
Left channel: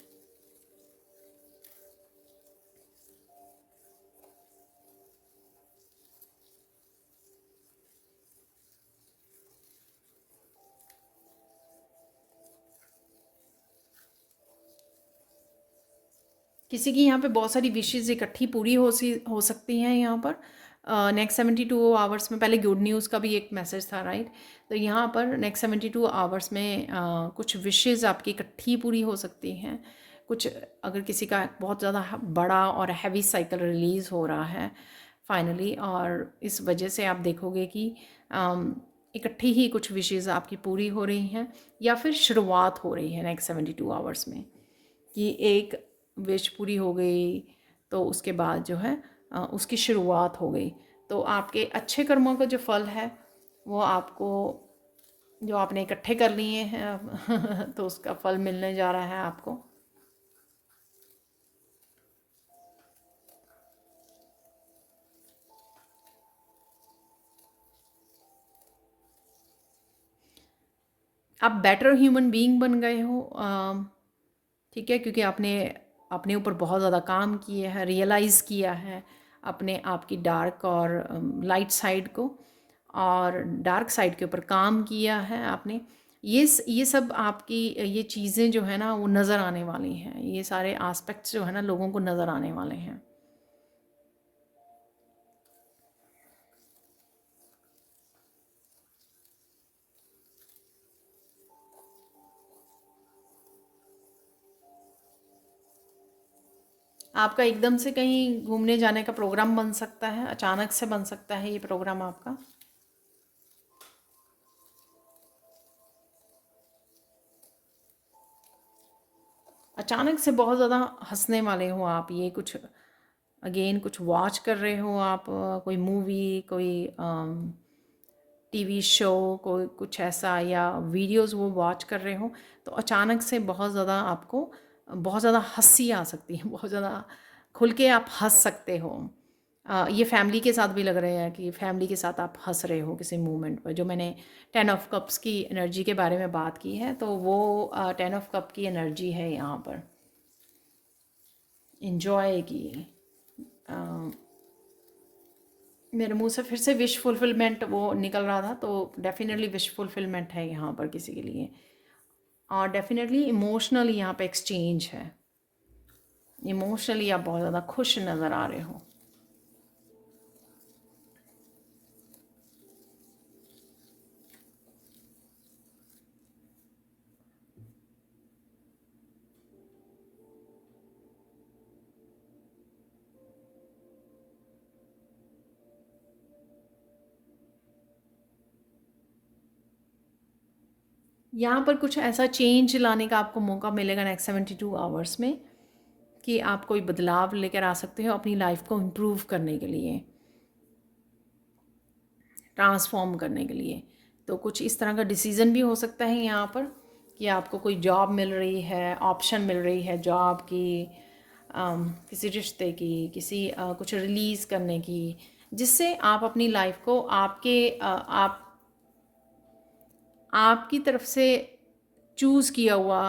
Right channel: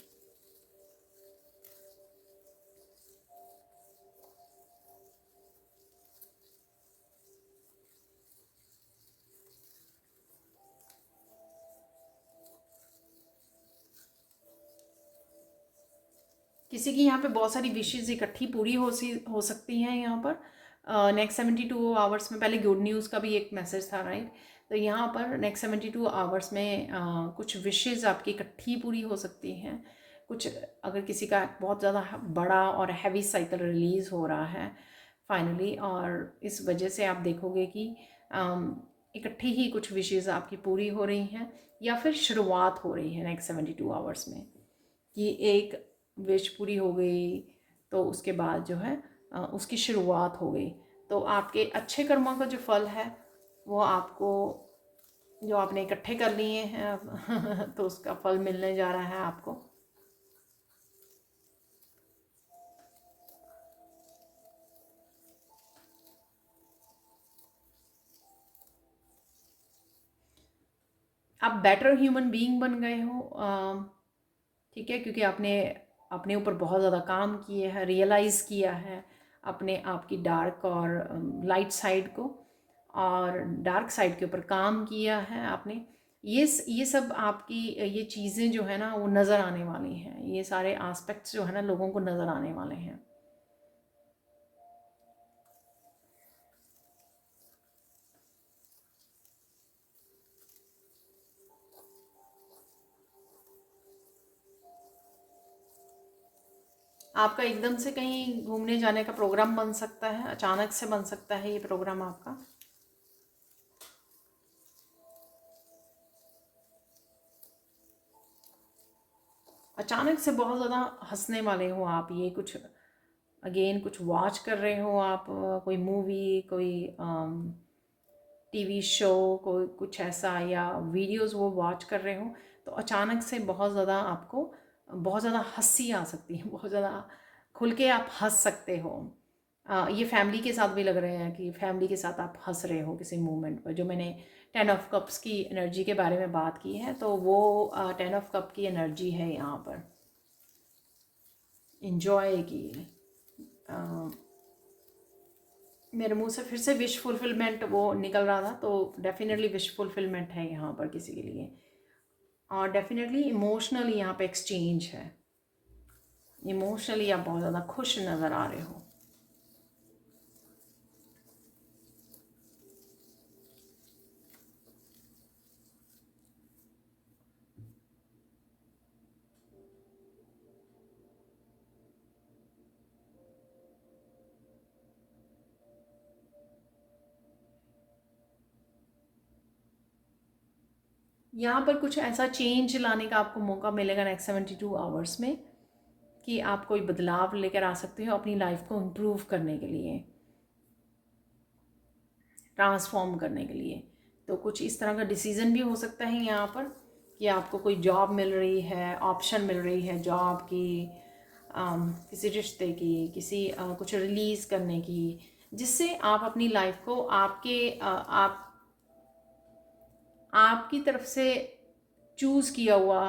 किसी की यहाँ पे बहुत सारी विशेज़ इकट्ठी पूरी हो सकती हैं यहाँ पर। नेक्स्ट 72 आवर्स में, पहले गुड न्यूज़ का भी एक मैसेज था, राइट। तो यहाँ पर नेक्स्ट 72 आवर्स में कुछ विशेज़ आपकी इकट्ठी पूरी हो सकती हैं। कुछ अगर किसी का बहुत ज़्यादा बड़ा और हैवी साइकिल रिलीज़ हो रहा है फाइनली, और इस वजह से आप देखोगे कि इकट्ठी ही कुछ विशेज़ आपकी पूरी हो रही हैं, या फिर शुरुआत हो रही है नेक्स्ट 72 आवर्स में कि एक विश पूरी हो गई तो उसके बाद जो है उसकी शुरुआत हो गई। तो आपके अच्छे कर्मों का जो फल है वो आपको, जो आपने इकट्ठे कर लिए हैं अब तो उसका फल मिलने जा रहा है आपको। आप बेटर ह्यूमन बीइंग बन गए हो, ठीक है, क्योंकि आपने अपने ऊपर बहुत ज़्यादा काम किया है, रियलाइज़ किया है अपने आप की डार्क और लाइट साइड को, और डार्क साइड के ऊपर काम किया है आपने। ये सब आपकी ये चीज़ें जो है ना वो नज़र आने वाली हैं, ये सारे आस्पेक्ट्स जो है ना लोगों को नज़र आने वाले हैं। आपका एकदम से कहीं घूमने जाने का प्रोग्राम बन सकता है, अचानक से बन सकता है ये प्रोग्राम आपका। अचानक से बहुत ज़्यादा हंसने वाले हो आप, ये कुछ अगेन कुछ वॉच कर रहे हो आप, कोई मूवी, कोई टीवी शो, कोई कुछ ऐसा, या वीडियोस वो वॉच कर रहे हो, तो अचानक से बहुत ज़्यादा आपको बहुत ज़्यादा हंसी आ सकती है, बहुत ज़्यादा खुल के आप हंस सकते हो। ये फैमिली के साथ भी लग रहे हैं कि फैमिली के साथ आप हंस रहे हो किसी मोमेंट पर। जो मैंने 10 ऑफ कप्स की एनर्जी के बारे में बात की है, तो वो 10 ऑफ कप की एनर्जी है यहाँ पर, इंजॉय की। मेरे मुंह से फिर से विश फुलफिलमेंट वो निकल रहा था, तो डेफिनेटली विश फुलफिलमेंट है यहाँ पर किसी के लिए। और डेफिनेटली इमोशनली यहाँ पे एक्सचेंज है, इमोशनली आप बहुत ज़्यादा खुश नज़र आ रहे हो। यहाँ पर कुछ ऐसा चेंज लाने का आपको मौका मिलेगा नेक्स्ट 72 आवर्स में, कि आप कोई बदलाव लेकर आ सकते हो अपनी लाइफ को इम्प्रूव करने के लिए, ट्रांसफॉर्म करने के लिए। तो कुछ इस तरह का डिसीज़न भी हो सकता है यहाँ पर, कि आपको कोई जॉब मिल रही है, ऑप्शन मिल रही है जॉब की, किसी रिश्ते की, किसी कुछ रिलीज़ करने की, जिससे आप अपनी लाइफ को आपकी तरफ से चूज़ किया हुआ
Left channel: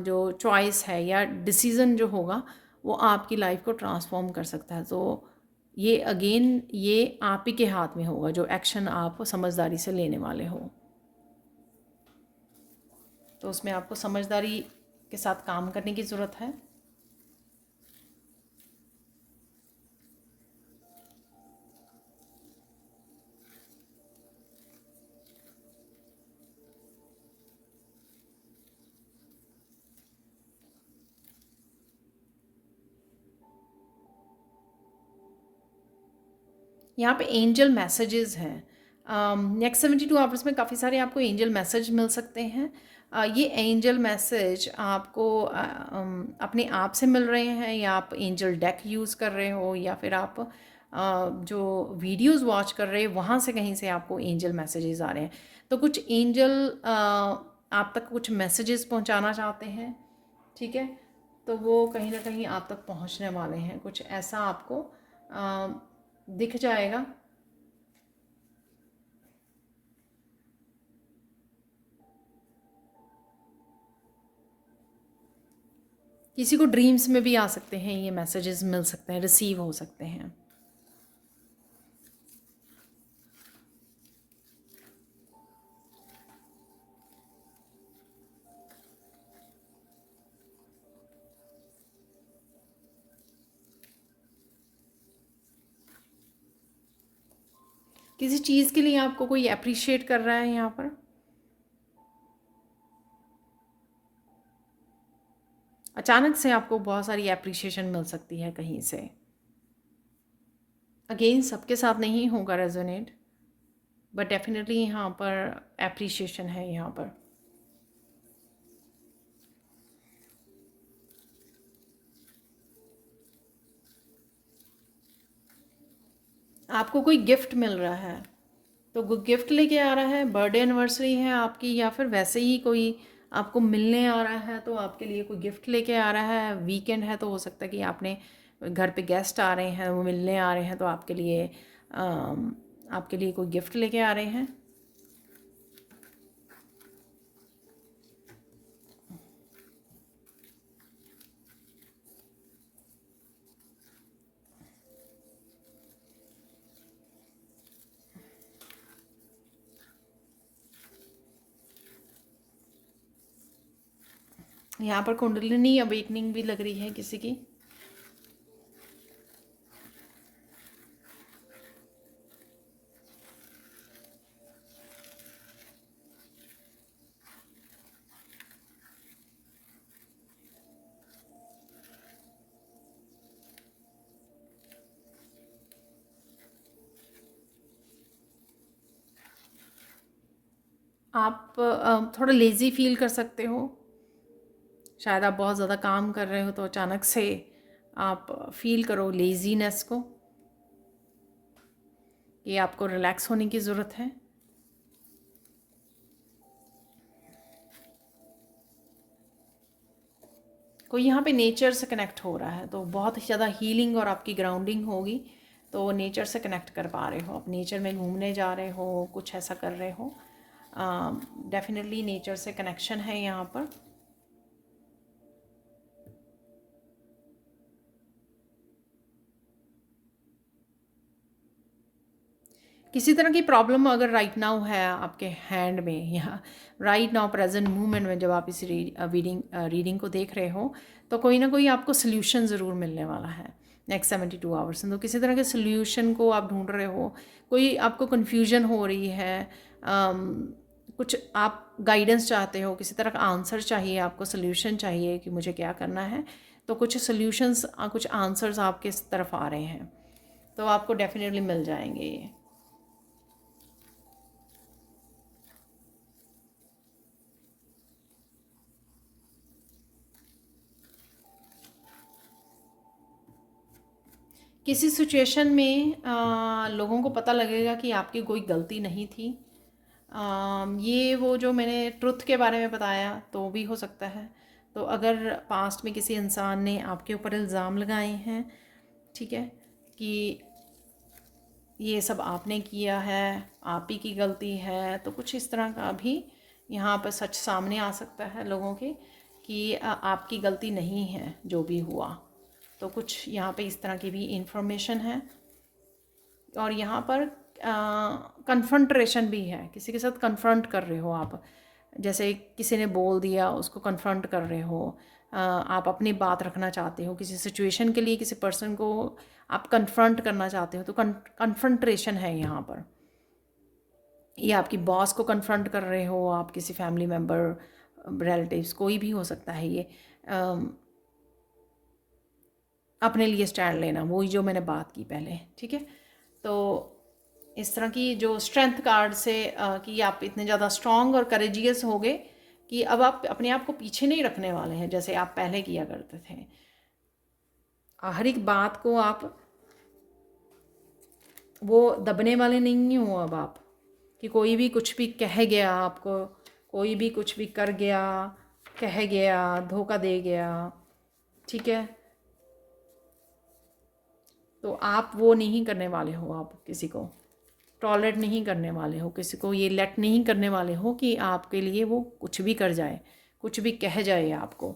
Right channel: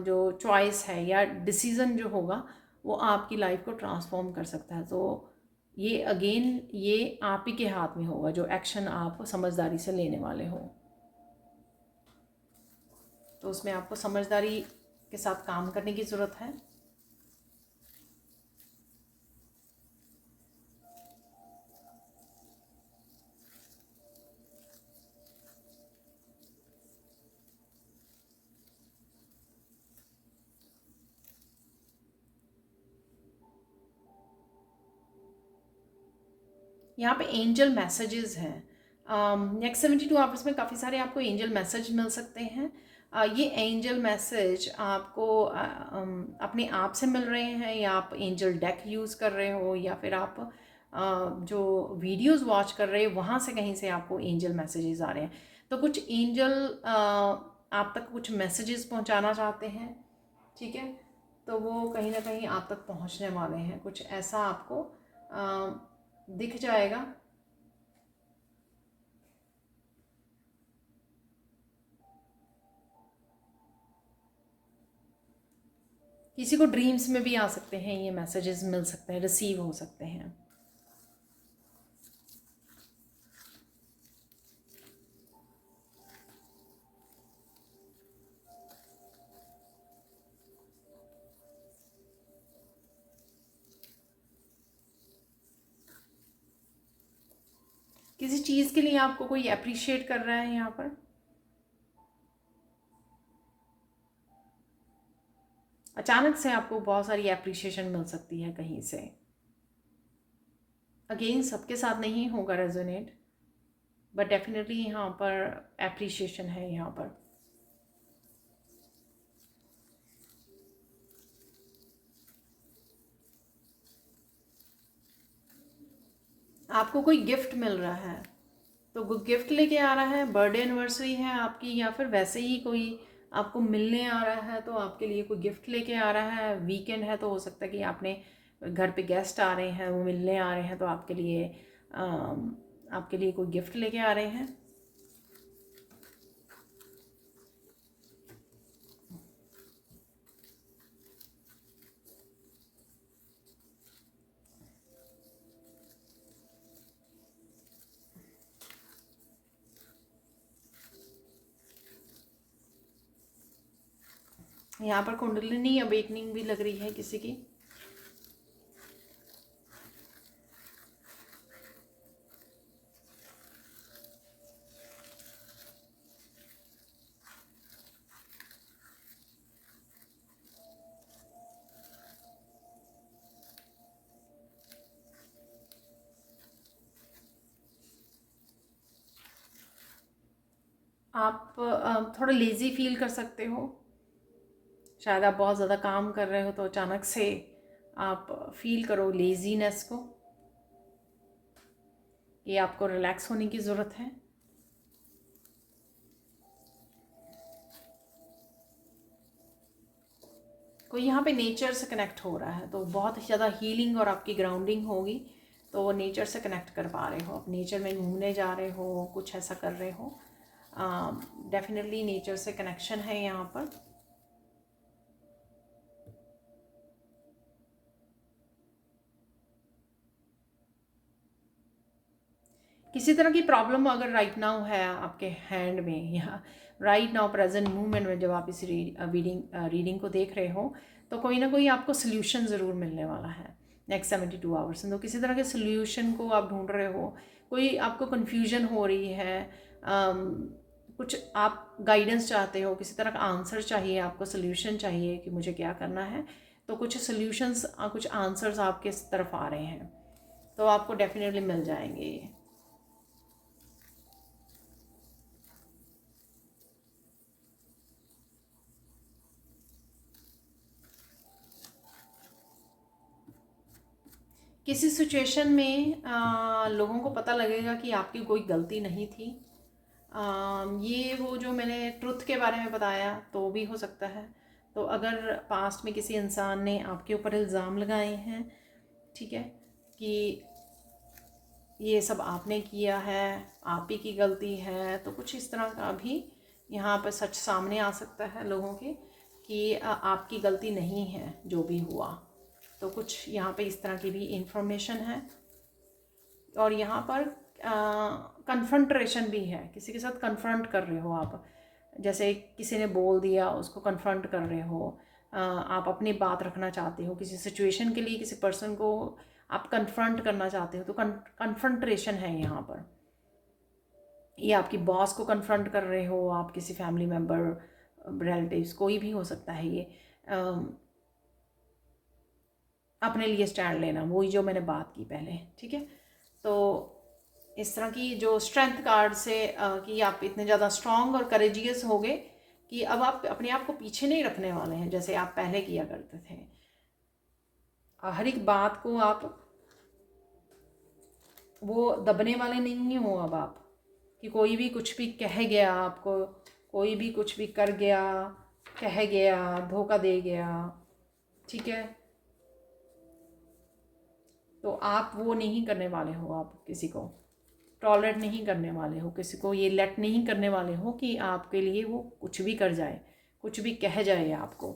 जो चॉइस है या डिसीज़न जो होगा वो आपकी लाइफ को ट्रांसफॉर्म कर सकता है। तो ये अगेन ये आप ही के हाथ में होगा, जो एक्शन आप समझदारी से लेने वाले हो। तो उसमें आपको समझदारी के साथ काम करने की ज़रूरत है। यहाँ पे एंजल मैसेजेस हैं। नेक्स्ट 72 आवर्स में काफ़ी सारे आपको एंजल मैसेज मिल सकते हैं। ये एंजल मैसेज आपको अपने आप से मिल रहे हैं, या आप एंजल डेक यूज़ कर रहे हो, या फिर आप जो वीडियोस वॉच कर रहे हो वहाँ से कहीं से आपको एंजल मैसेजेस आ रहे हैं। तो कुछ एंजल आप तक कुछ मैसेजेस पहुँचाना चाहते हैं, ठीक है। तो वो कहीं ना कहीं आप तक पहुँचने वाले हैं, कुछ ऐसा आपको दिख जाएगा। किसी को ड्रीम्स में भी आ सकते हैं, ये मैसेजेस मिल सकते हैं, रिसीव हो सकते हैं। किसी चीज़ के लिए आपको कोई अप्रिशिएट कर रहा है यहाँ पर, अचानक से आपको बहुत सारी अप्रिशिएशन मिल सकती है कहीं से। अगेन सबके साथ नहीं होगा रेजोनेट, बट डेफिनेटली यहाँ पर अप्रिशिएशन है। यहाँ पर आपको कोई गिफ्ट मिल रहा है, तो वो गिफ्ट लेके आ रहा है, बर्थडे एनिवर्सरी है आपकी, या फिर वैसे ही कोई आपको मिलने आ रहा है तो आपके लिए कोई गिफ्ट लेके आ रहा है। वीकेंड है तो हो सकता है कि आपने घर पे गेस्ट आ रहे हैं, वो मिलने आ रहे हैं, तो आपके लिए कोई गिफ्ट लेके आ रहे हैं। यहाँ पर कुंडलिनी अवेकनिंग भी लग रही है किसी की। आप थोड़ा लेज़ी फील कर सकते हो, शायद आप बहुत ज़्यादा काम कर रहे हो तो अचानक से आप फील करो लेज़ीनेस को, कि आपको रिलैक्स होने की ज़रूरत है। कोई यहाँ पे नेचर से कनेक्ट हो रहा है, तो बहुत ही ज़्यादा हीलिंग और आपकी ग्राउंडिंग होगी। तो नेचर से कनेक्ट कर पा रहे हो, आप नेचर में घूमने जा रहे हो, कुछ ऐसा कर रहे हो, डेफिनेटली नेचर से कनेक्शन है यहाँ पर। किसी तरह की प्रॉब्लम अगर राइट नाउ है आपके हैंड में, या राइट नाउ प्रेजेंट मूवमेंट में, जब आप इस रीडिंग को देख रहे हो, तो कोई ना कोई आपको सोल्यूशन ज़रूर मिलने वाला है नेक्स्ट 72 आवर्स में। तो किसी तरह के सोल्यूशन को आप ढूंढ रहे हो, कोई आपको कन्फ्यूजन हो रही है, कुछ आप गाइडेंस चाहते हो, किसी तरह का आंसर चाहिए, आपको सोल्यूशन चाहिए कि मुझे क्या करना है। तो कुछ सोल्यूशंस, कुछ आंसर्स आपके तरफ आ रहे हैं, तो आपको डेफिनेटली मिल जाएंगे ये। किसी सिचुएशन में लोगों को पता लगेगा कि आपकी कोई गलती नहीं थी, ये वो जो मैंने ट्रुथ के बारे में बताया तो भी हो सकता है। तो अगर पास्ट में किसी इंसान ने आपके ऊपर इल्ज़ाम लगाए हैं, ठीक है, कि ये सब आपने किया है, आप ही की गलती है, तो कुछ इस तरह का भी यहाँ पर सच सामने आ सकता है लोगों के कि आपकी गलती नहीं है जो भी हुआ। तो कुछ यहाँ पे इस तरह की भी इंफॉर्मेशन है। और यहाँ पर कन्फ्रंट्रेशन भी है, किसी के साथ कन्फ्रंट कर रहे हो आप, जैसे किसी ने बोल दिया उसको कन्फ्रंट कर रहे हो। आप अपनी बात रखना चाहते हो किसी सिचुएशन के लिए, किसी पर्सन को आप कन्फ्रंट करना चाहते हो, तो कन्फ्रंट्रेशन है यहाँ पर। ये आपकी बॉस को कन्फ्रंट कर रहे हो, आप किसी फैमिली मेम्बर, रिलेटिव्स, कोई भी हो सकता है ये। अपने लिए स्टैंड लेना, वही जो मैंने बात की पहले, ठीक है। तो इस तरह की जो स्ट्रेंथ कार्ड से कि आप इतने ज़्यादा स्ट्रॉन्ग और करेजियस हो गए कि अब आप अपने आप को पीछे नहीं रखने वाले हैं जैसे आप पहले किया करते थे। हर एक बात को आप वो दबने वाले नहीं हो अब आप, कि कोई भी कुछ भी कह गया आपको, कोई भी कुछ भी कर गया, कह गया, धोखा दे गया, ठीक है, तो आप वो नहीं करने वाले हो। आप किसी को टॉलरेट नहीं करने वाले हो, किसी को ये लेट नहीं करने वाले हो कि आपके लिए वो कुछ भी कर जाए, कुछ भी कह जाए आपको।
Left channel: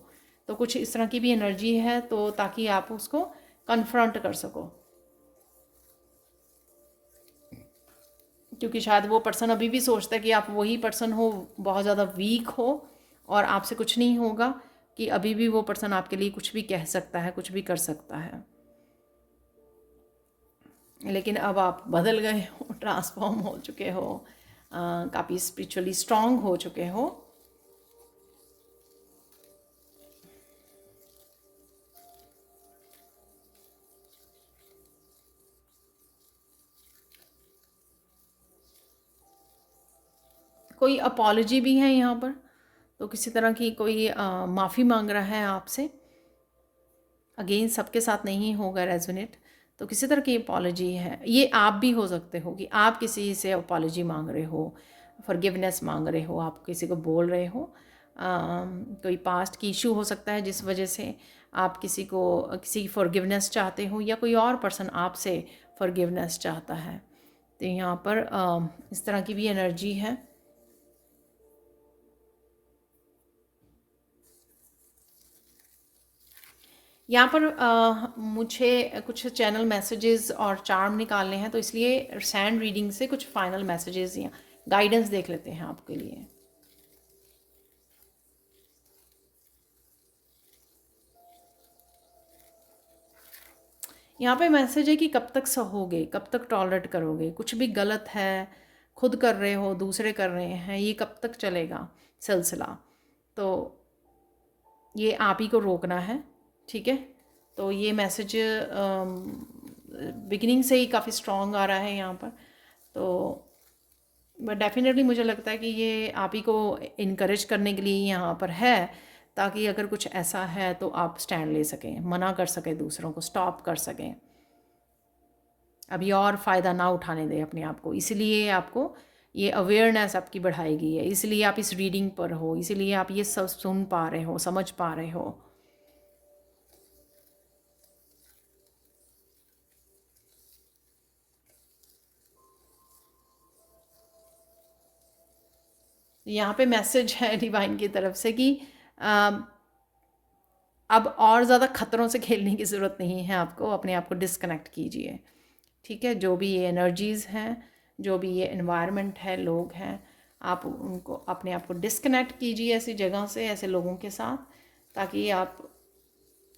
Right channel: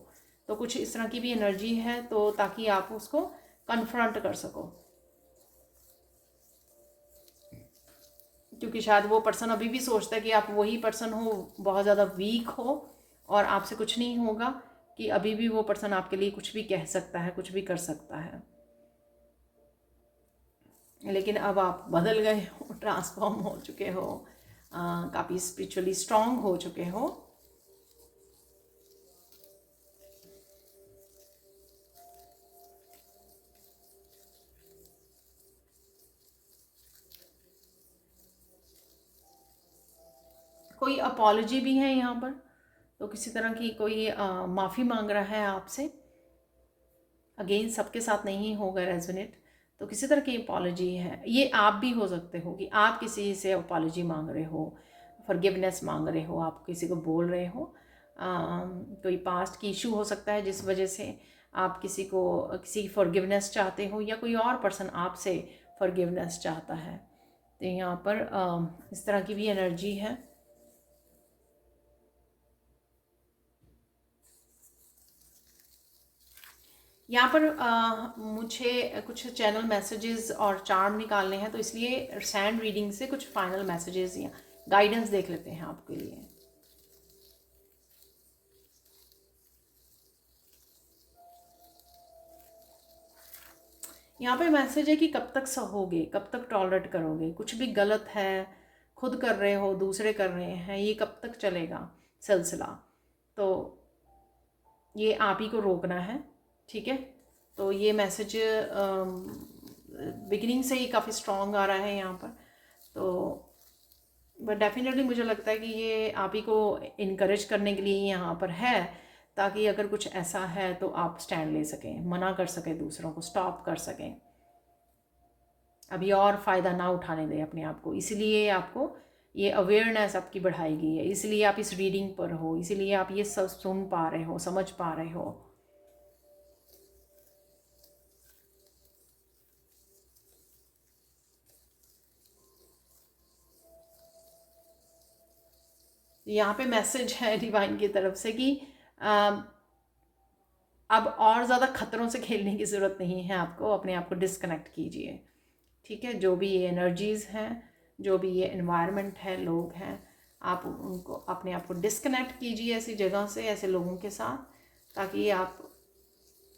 तो कुछ इस तरह की भी एनर्जी है, तो ताकि आप उसको कन्फ्रंट कर सको, क्योंकि शायद वो पर्सन अभी भी सोचता है कि आप वही पर्सन हो, बहुत ज़्यादा वीक हो और आपसे कुछ नहीं होगा, कि अभी भी वो पर्सन आपके लिए कुछ भी कह सकता है, कुछ भी कर सकता है। लेकिन अब आप बदल गए हो, ट्रांसफॉर्म हो चुके हो, काफ़ी स्पिरिचुअली स्ट्रांग हो चुके हो। कोई अपॉलॉजी भी है यहाँ पर, तो किसी तरह की कोई माफ़ी मांग रहा है आपसे। अगेन सबके साथ नहीं होगा रेजोनेट, तो किसी तरह की अपॉलॉजी है। ये आप भी हो सकते हो कि आप किसी से अपॉलॉजी मांग रहे हो, फॉरगिवनेस मांग रहे हो, आप किसी को बोल रहे हो। कोई पास्ट की इशू हो सकता है जिस वजह से आप किसी को किसी की फॉरगिवनेस चाहते हो, या कोई और पर्सन आपसे फॉरगिवनेस चाहता है। तो यहाँ पर इस तरह की भी एनर्जी है। यहाँ पर मुझे कुछ चैनल मैसेजेस और चार्म निकालने हैं, तो इसलिए सैंड रीडिंग से कुछ फाइनल मैसेजेस या गाइडेंस देख लेते हैं आपके लिए। यहाँ पे मैसेज है कि कब तक सहोगे, कब तक टॉलरेट करोगे, कुछ भी गलत है, खुद कर रहे हो, दूसरे कर रहे हैं, ये कब तक चलेगा सिलसिला। तो ये आप ही को रोकना है, ठीक है। तो ये मैसेज बिगिनिंग से ही काफ़ी स्ट्रॉन्ग आ रहा है यहाँ पर। तो बट डेफिनेटली मुझे लगता है कि ये आप ही को इनकरेज करने के लिए यहाँ पर है, ताकि अगर कुछ ऐसा है तो आप स्टैंड ले सकें, मना कर सकें, दूसरों को स्टॉप कर सकें, अभी और फ़ायदा ना उठाने दें अपने आप को। इसलिए आपको ये अवेयरनेस आपकी बढ़ाई गई है, इसलिए आप इस रीडिंग पर हो, इसलिए आप ये सब सुन पा रहे हो, समझ पा रहे हो। यहाँ पे मैसेज है डिवाइन की तरफ से कि अब और ज़्यादा ख़तरों से खेलने की ज़रूरत नहीं है आपको, अपने आप को डिस्कनेक्ट कीजिए, ठीक है। जो भी ये एनर्जीज़ हैं, जो भी ये एनवायरनमेंट है, लोग हैं, आप उनको अपने आप को डिस्कनेक्ट कीजिए ऐसी जगह से, ऐसे लोगों के साथ, ताकि आप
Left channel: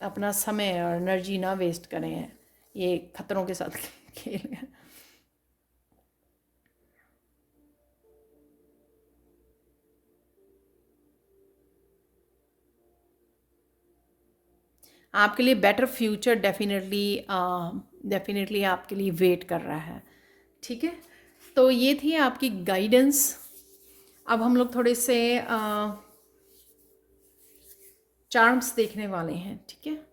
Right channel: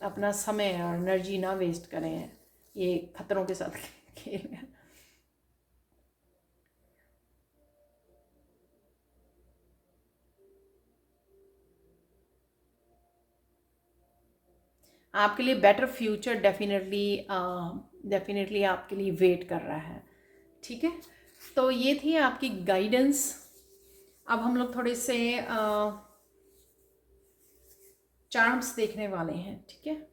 अपना समय और एनर्जी ना वेस्ट करें ये ख़तरों के साथ खेल। आपके लिए बेटर फ्यूचर डेफिनेटली आपके लिए वेट कर रहा है, ठीक है। तो ये थी आपकी गाइडेंस। अब हम लोग थोड़े से चार्म्स देखने वाले हैं, ठीक है।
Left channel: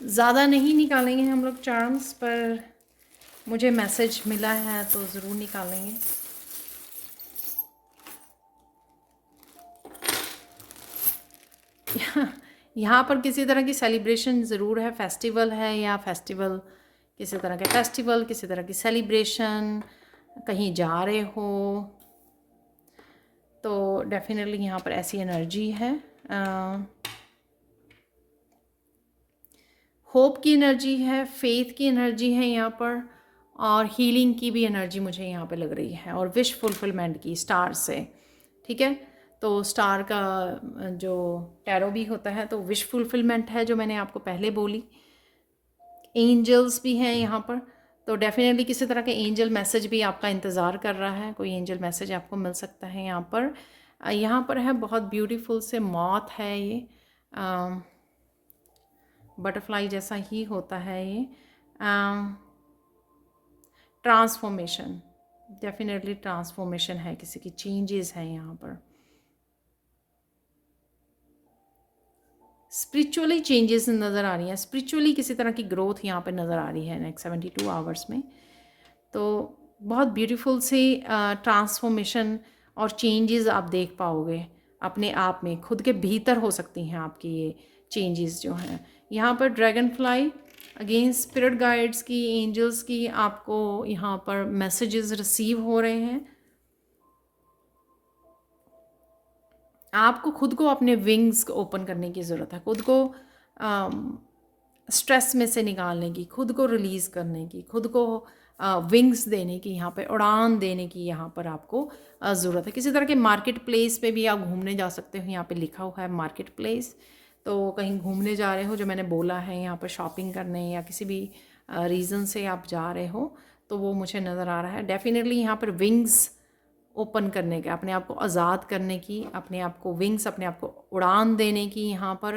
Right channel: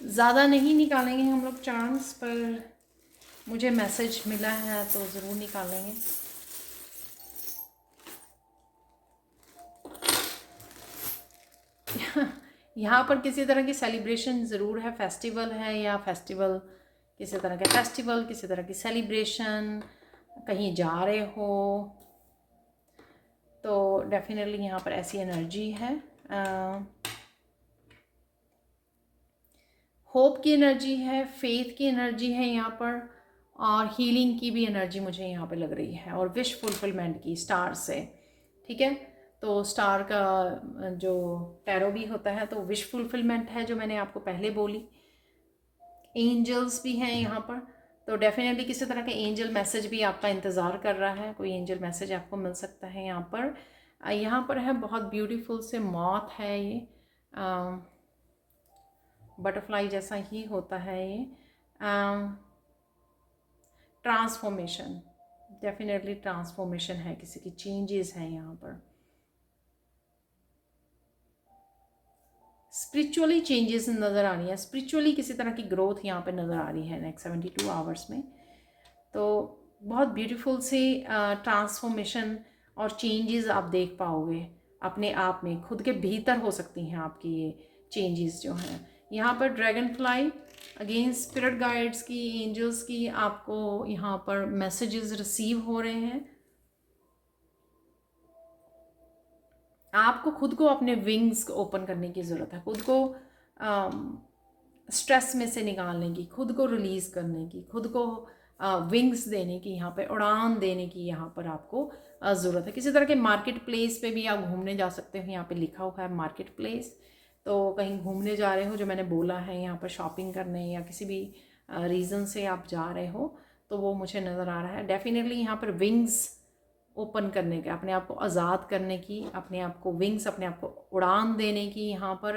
ज़्यादा नहीं निकालेंगे हम लोग चार्म्स, पर मुझे मैसेज मिला है तो ज़रूर निकालेंगे। यहाँ पर किसी तरह की सेलिब्रेशन ज़रूर है, फेस्टिवल है, या फेस्टिवल किसी तरह के फेस्टिवल, किसी तरह की सेलिब्रेशन, कहीं जा रहे हो, तो डेफिनेटली यहाँ पर ऐसी एनर्जी है। होप की एनर्जी है, फेथ की एनर्जी है यहाँ पर, और हीलिंग की भी एनर्जी मुझे यहाँ पे लग रही है, और विश फुलफिलमेंट की स्टार से। ठीक है, तो स्टार का जो टैरो भी होता है तो विश फुलफिलमेंट है, जो मैंने आपको पहले बोली। एंजल्स भी हैं यहाँ पर, तो डेफिनेटली किसी तरह के एंजल मैसेज भी आपका इंतज़ार कर रहा है, कोई एंजल मैसेज आपको मिल सकता है यहाँ पर। यहाँ पर है बहुत ब्यूटीफुल से मॉथ है, ये बटरफ्लाई जैसा ही होता है ये। ट्रांसफॉर्मेशन, डेफिनेटली ट्रांसफॉर्मेशन है, किसी की चेंजेस हैं यहाँ पर, स्पिरिचुअली चेंजेस नज़र आ रही हैं, स्पिरिचुअली किसी तरह की ग्रोथ यहाँ पे नज़र आ रही है नेक्स्ट 72 आवर्स में। तो बहुत ब्यूटीफुल से ट्रांसफॉर्मेशन और चेंजेस आप देख पाओगे अपने आप में, खुद के भीतर हो सकती हैं आपकी ये चेंजेस जो हैं। यहाँ पर dragon fly again spirit guides की, एंजल्स की आपको यहाँ पर मैसेजेस रिसीव हो रहे हैं। आपको खुद को अपने विंग्स ओपन करने की ज़रूरत है, खुद को स्ट्रेस में से निकालने की, खुद को रिलीज़ करने की, खुद को विंग्स देने की, यहाँ पे उड़ान देने की यहाँ पर आपको ज़रूरत है। किसी तरह के मार्केट प्लेस पे भी आप घूमने जा सकते हो, यहाँ पे लिखा हुआ है मार्केट प्लेस, तो कहीं घूमने जा रहे हो, जो मैंने बोला है यहाँ पर शॉपिंग करने या किसी भी रीज़न से आप जा रहे हो, तो वो मुझे नज़र आ रहा है। डेफिनेटली यहाँ पर विंग्स ओपन करने के, अपने आप को आज़ाद करने की, अपने आप को विंग्स, अपने आप को उड़ान देने की, यहाँ पर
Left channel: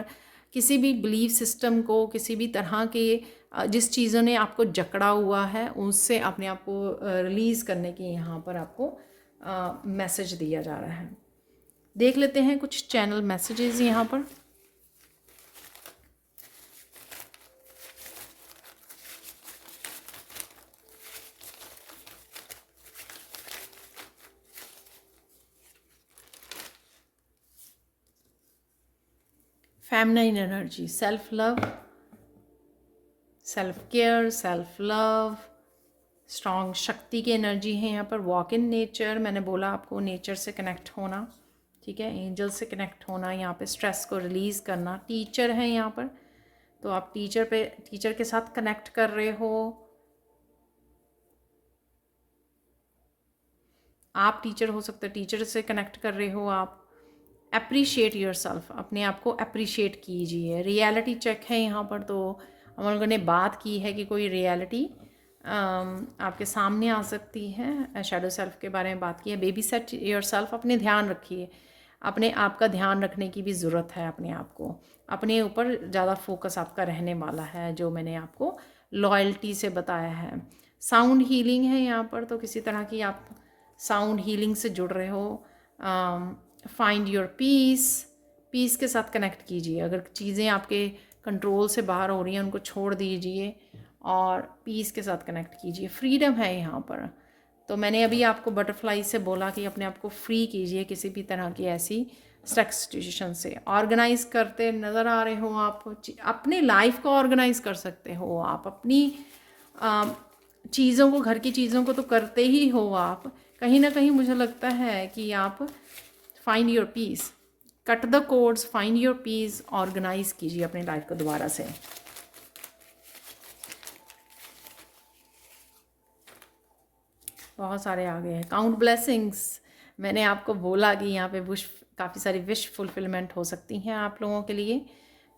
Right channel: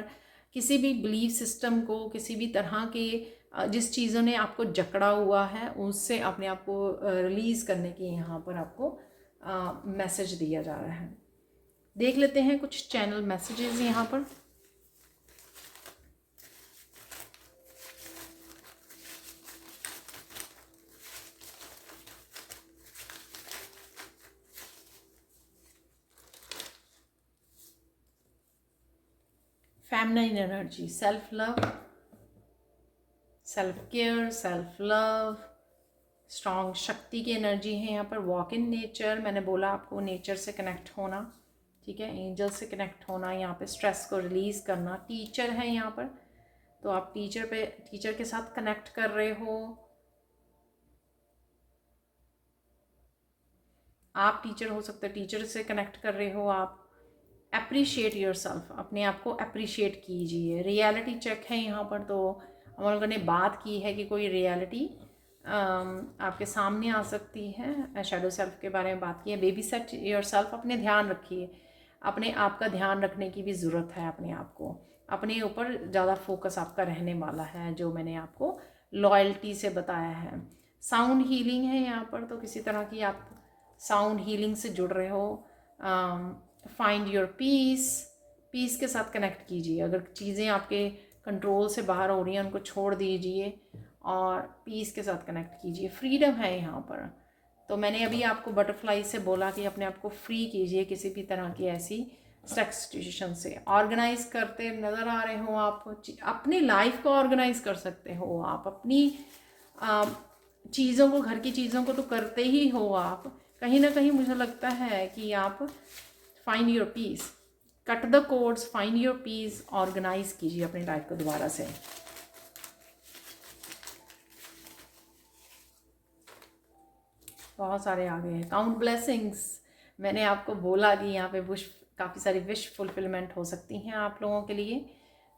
किसी भी बिलीफ सिस्टम को, किसी भी तरह के जिस चीज़ों ने आपको जकड़ा हुआ है उससे अपने आप को रिलीज़ करने की यहाँ पर आपको मैसेज दिया जा रहा है। देख लेते हैं कुछ चैनल मैसेजेस यहाँ पर। Feminine energy, self love, self care, self love, strong शक्ति की एनर्जी है यहाँ पर। वॉक इन नेचर, मैंने बोला आपको नेचर से कनेक्ट होना, ठीक है, एंजल से कनेक्ट होना, यहाँ पे स्ट्रेस को रिलीज़ करना। टीचर है यहाँ पर, तो आप टीचर के साथ कनेक्ट कर रहे हो, आप टीचर हो सकते हो, टीचर से कनेक्ट कर रहे हो आप। अप्रिशिएट योर सेल्फ, अपने आप को अप्रिशिएट कीजिए। रियलिटी चेक है यहाँ पर, तो हम लोगों ने बात की है कि कोई रियलिटी आपके सामने आ सकती है। शैडो सेल्फ के बारे में बात की है। बेबी सेट योर सेल्फ, अपने ध्यान रखिए, अपने आप का ध्यान रखने की भी ज़रूरत है। अपने आप को, अपने ऊपर ज़्यादा फोकस आपका रहने वाला है, जो मैंने आपको लॉयल्टी से बताया है। साउंड हीलिंग है यहाँ पर, तो किसी तरह की आप साउंड हीलिंग से जुड़ रहे हो। फाइंड योर पीस, पीस के साथ कनेक्ट कीजिए। अगर चीज़ें आपके कंट्रोल से बाहर हो रही हैं, उनको छोड़ दीजिए और पीस के साथ कनेक्ट कीजिए। फ्रीडम है यहाँ पर, तो मैंने अभी आपको बटरफ्लाई से बोला कि अपने आप को फ्री कीजिए किसी भी तरह की ऐसी स्ट्रक्स सिचुएशन से। ऑर्गेनाइज करते नज़र आ रहे हो आप, अपनी लाइफ को ऑर्गेनाइज कर सकते हो आप। अपनी चीज़ों को, घर की चीज़ों को तो करते ही हो आप, कहीं ना कहीं मुझे लगता है कि आप find your peace, cut the codes, find your peace, organise कीजिए अपनी लाइफ को दोबारा से। बहुत सारे आ गए हैं। काउंट ब्लेसिंग्स, मैंने आपको बोला कि यहाँ पे विश, काफ़ी सारी विश फुलफिलमेंट हो सकती हैं आप लोगों के लिए,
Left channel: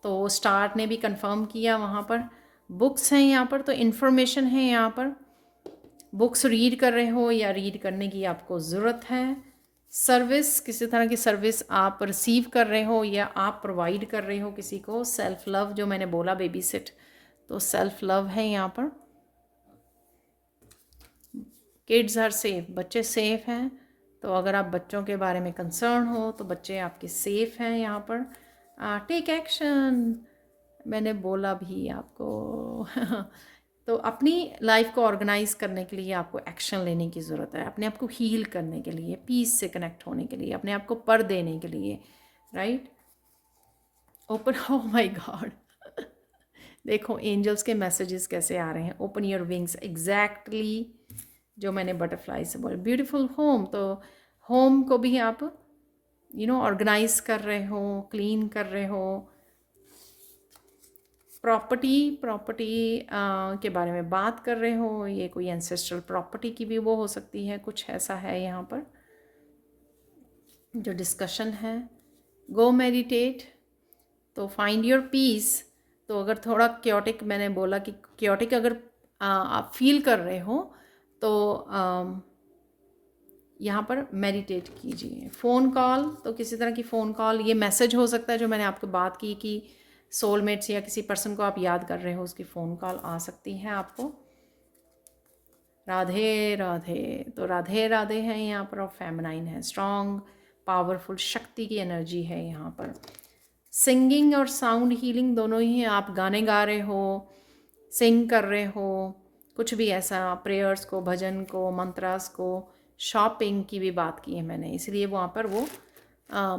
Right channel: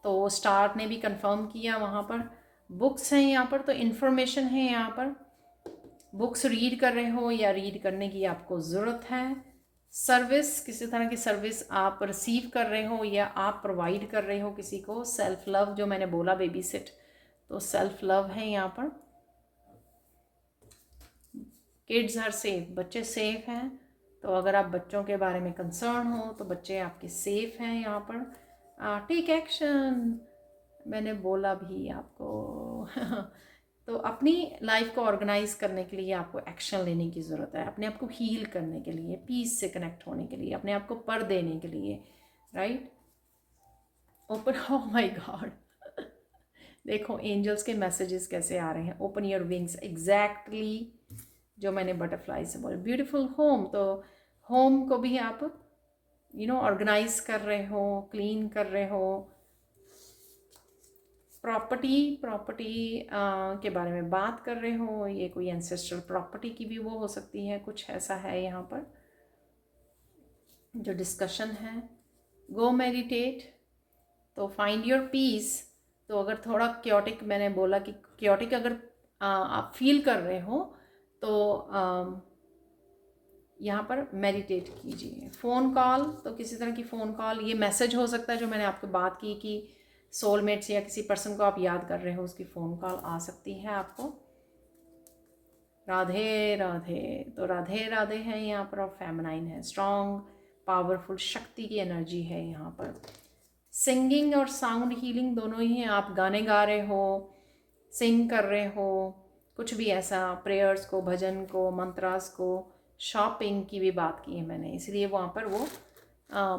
तो स्टार ने भी कंफर्म किया वहाँ पर। बुक्स हैं यहाँ पर, तो इन्फॉर्मेशन है यहाँ पर। बुक्स रीड कर रहे हो या रीड करने की आपको ज़रूरत है। सर्विस, किसी तरह की सर्विस आप रिसीव कर रहे हो या आप प्रोवाइड कर रहे हो किसी को। सेल्फ लव, जो मैंने बोला बेबी सिट, तो सेल्फ लव है यहाँ पर। किड्स आर सेफ, बच्चे सेफ हैं, तो अगर आप बच्चों के बारे में कंसर्न हो तो बच्चे आपके सेफ हैं यहाँ पर। टेक एक्शन, मैंने बोला भी आपको तो अपनी लाइफ को ऑर्गेनाइज करने के लिए आपको एक्शन लेने की ज़रूरत है, अपने आप को हील करने के लिए, पीस से कनेक्ट होने के लिए, अपने आप को पर देने के लिए, right. Open, oh my God, देखो एंजल्स के मैसेजेस कैसे आ रहे हैं। ओपन योर विंग्स, एग्जैक्टली जो मैंने बटरफ्लाई से बोला। ब्यूटीफुल होम, तो होम को भी आप ऑर्गेनाइज कर रहे हो, क्लीन कर रहे हो। प्रॉपर्टी के बारे में बात कर रहे हो, ये कोई एंसेस्ट्रल प्रॉपर्टी की भी वो हो सकती है, कुछ ऐसा है यहाँ पर जो डिस्कशन है। गो मेडिटेट, तो फाइंड योर पीस। तो अगर थोड़ा क्योटिक, मैंने बोला कि क्योटिक अगर आप फील कर रहे हो तो यहाँ पर मेडिटेट कीजिए। फ़ोन कॉल, तो किसी तरह की फ़ोन कॉल, ये मैसेज हो सकता है जो मैंने आपको बात की कि सोलमेट्स या किसी पर्सन को आप याद कर रहे हो, उसकी फ़ोन कॉल आ सकती है आपको। राधे राधे, तो राधे राधे है यहाँ पर, और फेमिनाइन है, स्ट्रॉन्ग पावरफुल शक्ति की एनर्जी है यहाँ पर। सिंगिंग और साउंड हीलिंग दोनों ही है, आप गाने गा रहे हो, सिंग कर रहे हो, कुछ भी ऐसा, प्रेयर्स को, भजन को, मंत्रास को, शॉपिंग की भी बात की है मैंने, इसलिए वहाँ पर वो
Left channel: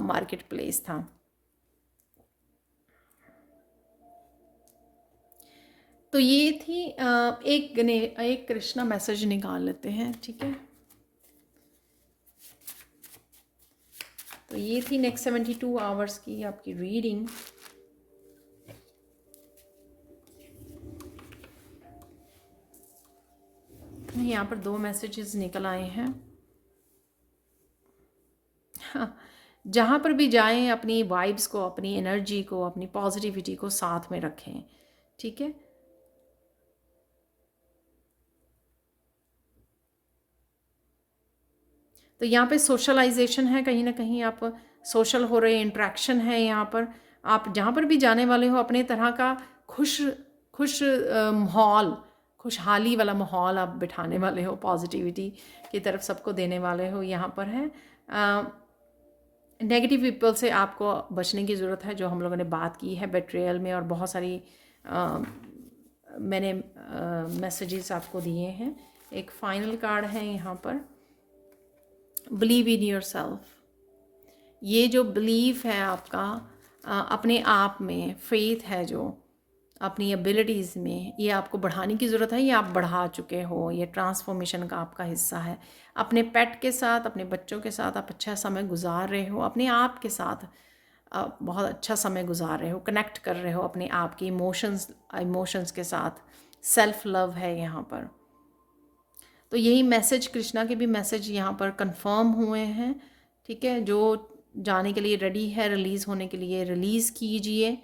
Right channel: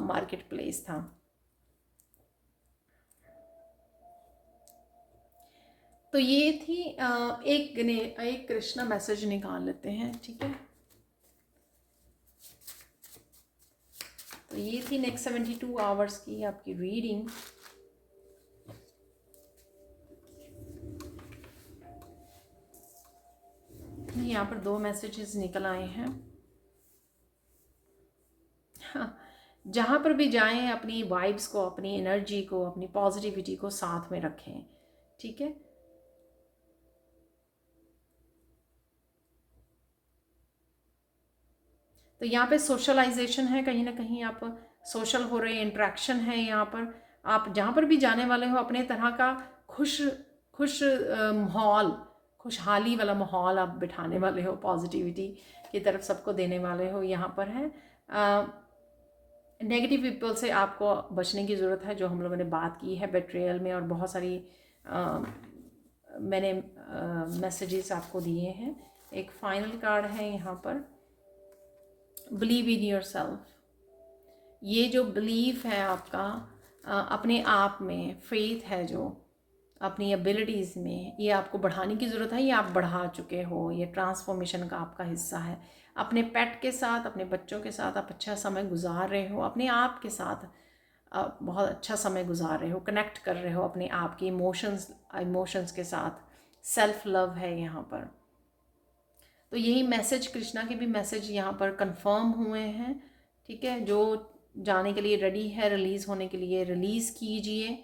मार्केट प्लेस था। तो ये थी एक कृष्णा मैसेज निकाल लेते हैं, ठीक है। तो ये थी नेक्स्ट 72 आवर्स की आपकी रीडिंग। यहाँ पर 2 मैसेजेस निकल आए हैं। जहाँ पर भी जाएं अपनी वाइब्स को, अपनी एनर्जी को, अपनी पॉजिटिविटी को साथ में रखें, ठीक है। तो यहाँ पे सोशलाइजेशन है, कहीं ना कहीं आप सोशल हो रहे, इंट्रैक्शन है यहाँ पर। आप जहाँ पर भी जाने वाले हो अपने तरह का खुश माहौल, खुशहाली वाला माहौल आप बिठाने वाले हो, पॉजिटिविटी की तरफ सबको देने वाले हो यहाँ पर है। नेगेटिव पीपल से आपको बचने की ज़रूरत है, जो हम लोगों ने बात की है बेट्रेयल में, और बहुत सारी मैंने मैसेजेस आपको दिए हैं। एक फाइनल कार्ड है यहाँ पर, बिलीव इन योर सेल्फ। ये जो बिलीव है आपका अपने आप में, फेथ है जो अपनी एबिलिटीज़ में, ये आपको बढ़ाने की ज़रूरत है, ये आप बढ़ा चुके हो, ये ट्रांसफॉर्मेशन का आपका हिस्सा है। अपने पेट के साथ, अपने बच्चों के साथ आप अच्छा समय गुजार रहे हो, अपने आप के साथ आप बहुत अच्छा समय गुजार रहे हो, कनेक्ट कर रहे हो अपने आप की इमोशंस के साथ। सेल्फ लव है यहाँ पर। तो यही मैसेज, कृष्णा के भी मैसेज यहाँ पर कंफर्म हुए हैं, ठीक है। जो जाने के लिए रेडी है, रिलीज़ होने के लिए, रिलीज़ कीजिए।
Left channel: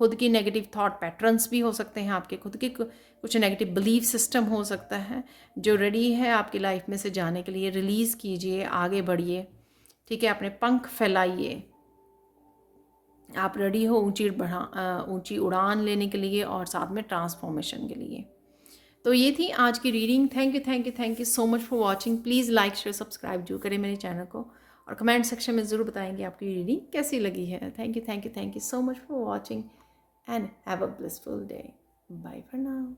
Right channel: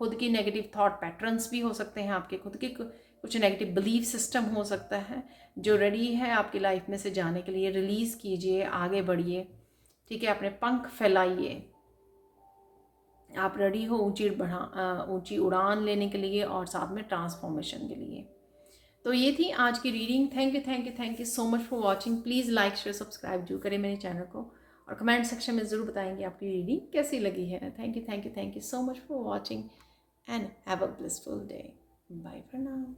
खुद की नेगेटिव थॉट पैटर्न्स भी हो सकते हैं, आपके खुद के कुछ नेगेटिव बिलीफ सिस्टम हो सकता है। जो रेडी है आपकी लाइफ में से जाने के लिए, रिलीज़ कीजिए, आगे बढ़िए, ठीक है। अपने पंख फैलाइए, आप रेडी हो ऊंची उड़ान लेने के लिए और साथ में ट्रांसफॉर्मेशन के लिए। तो ये थी आज की reading. Thank you so much for watching. Please like share subscribe जरूर करें मेरे चैनल को, और कमेंट सेक्शन में ज़रूर बताएंगे आपकी रीडिंग कैसी लगी है। Thank you so much for watching and have a blissful day. Bye for now.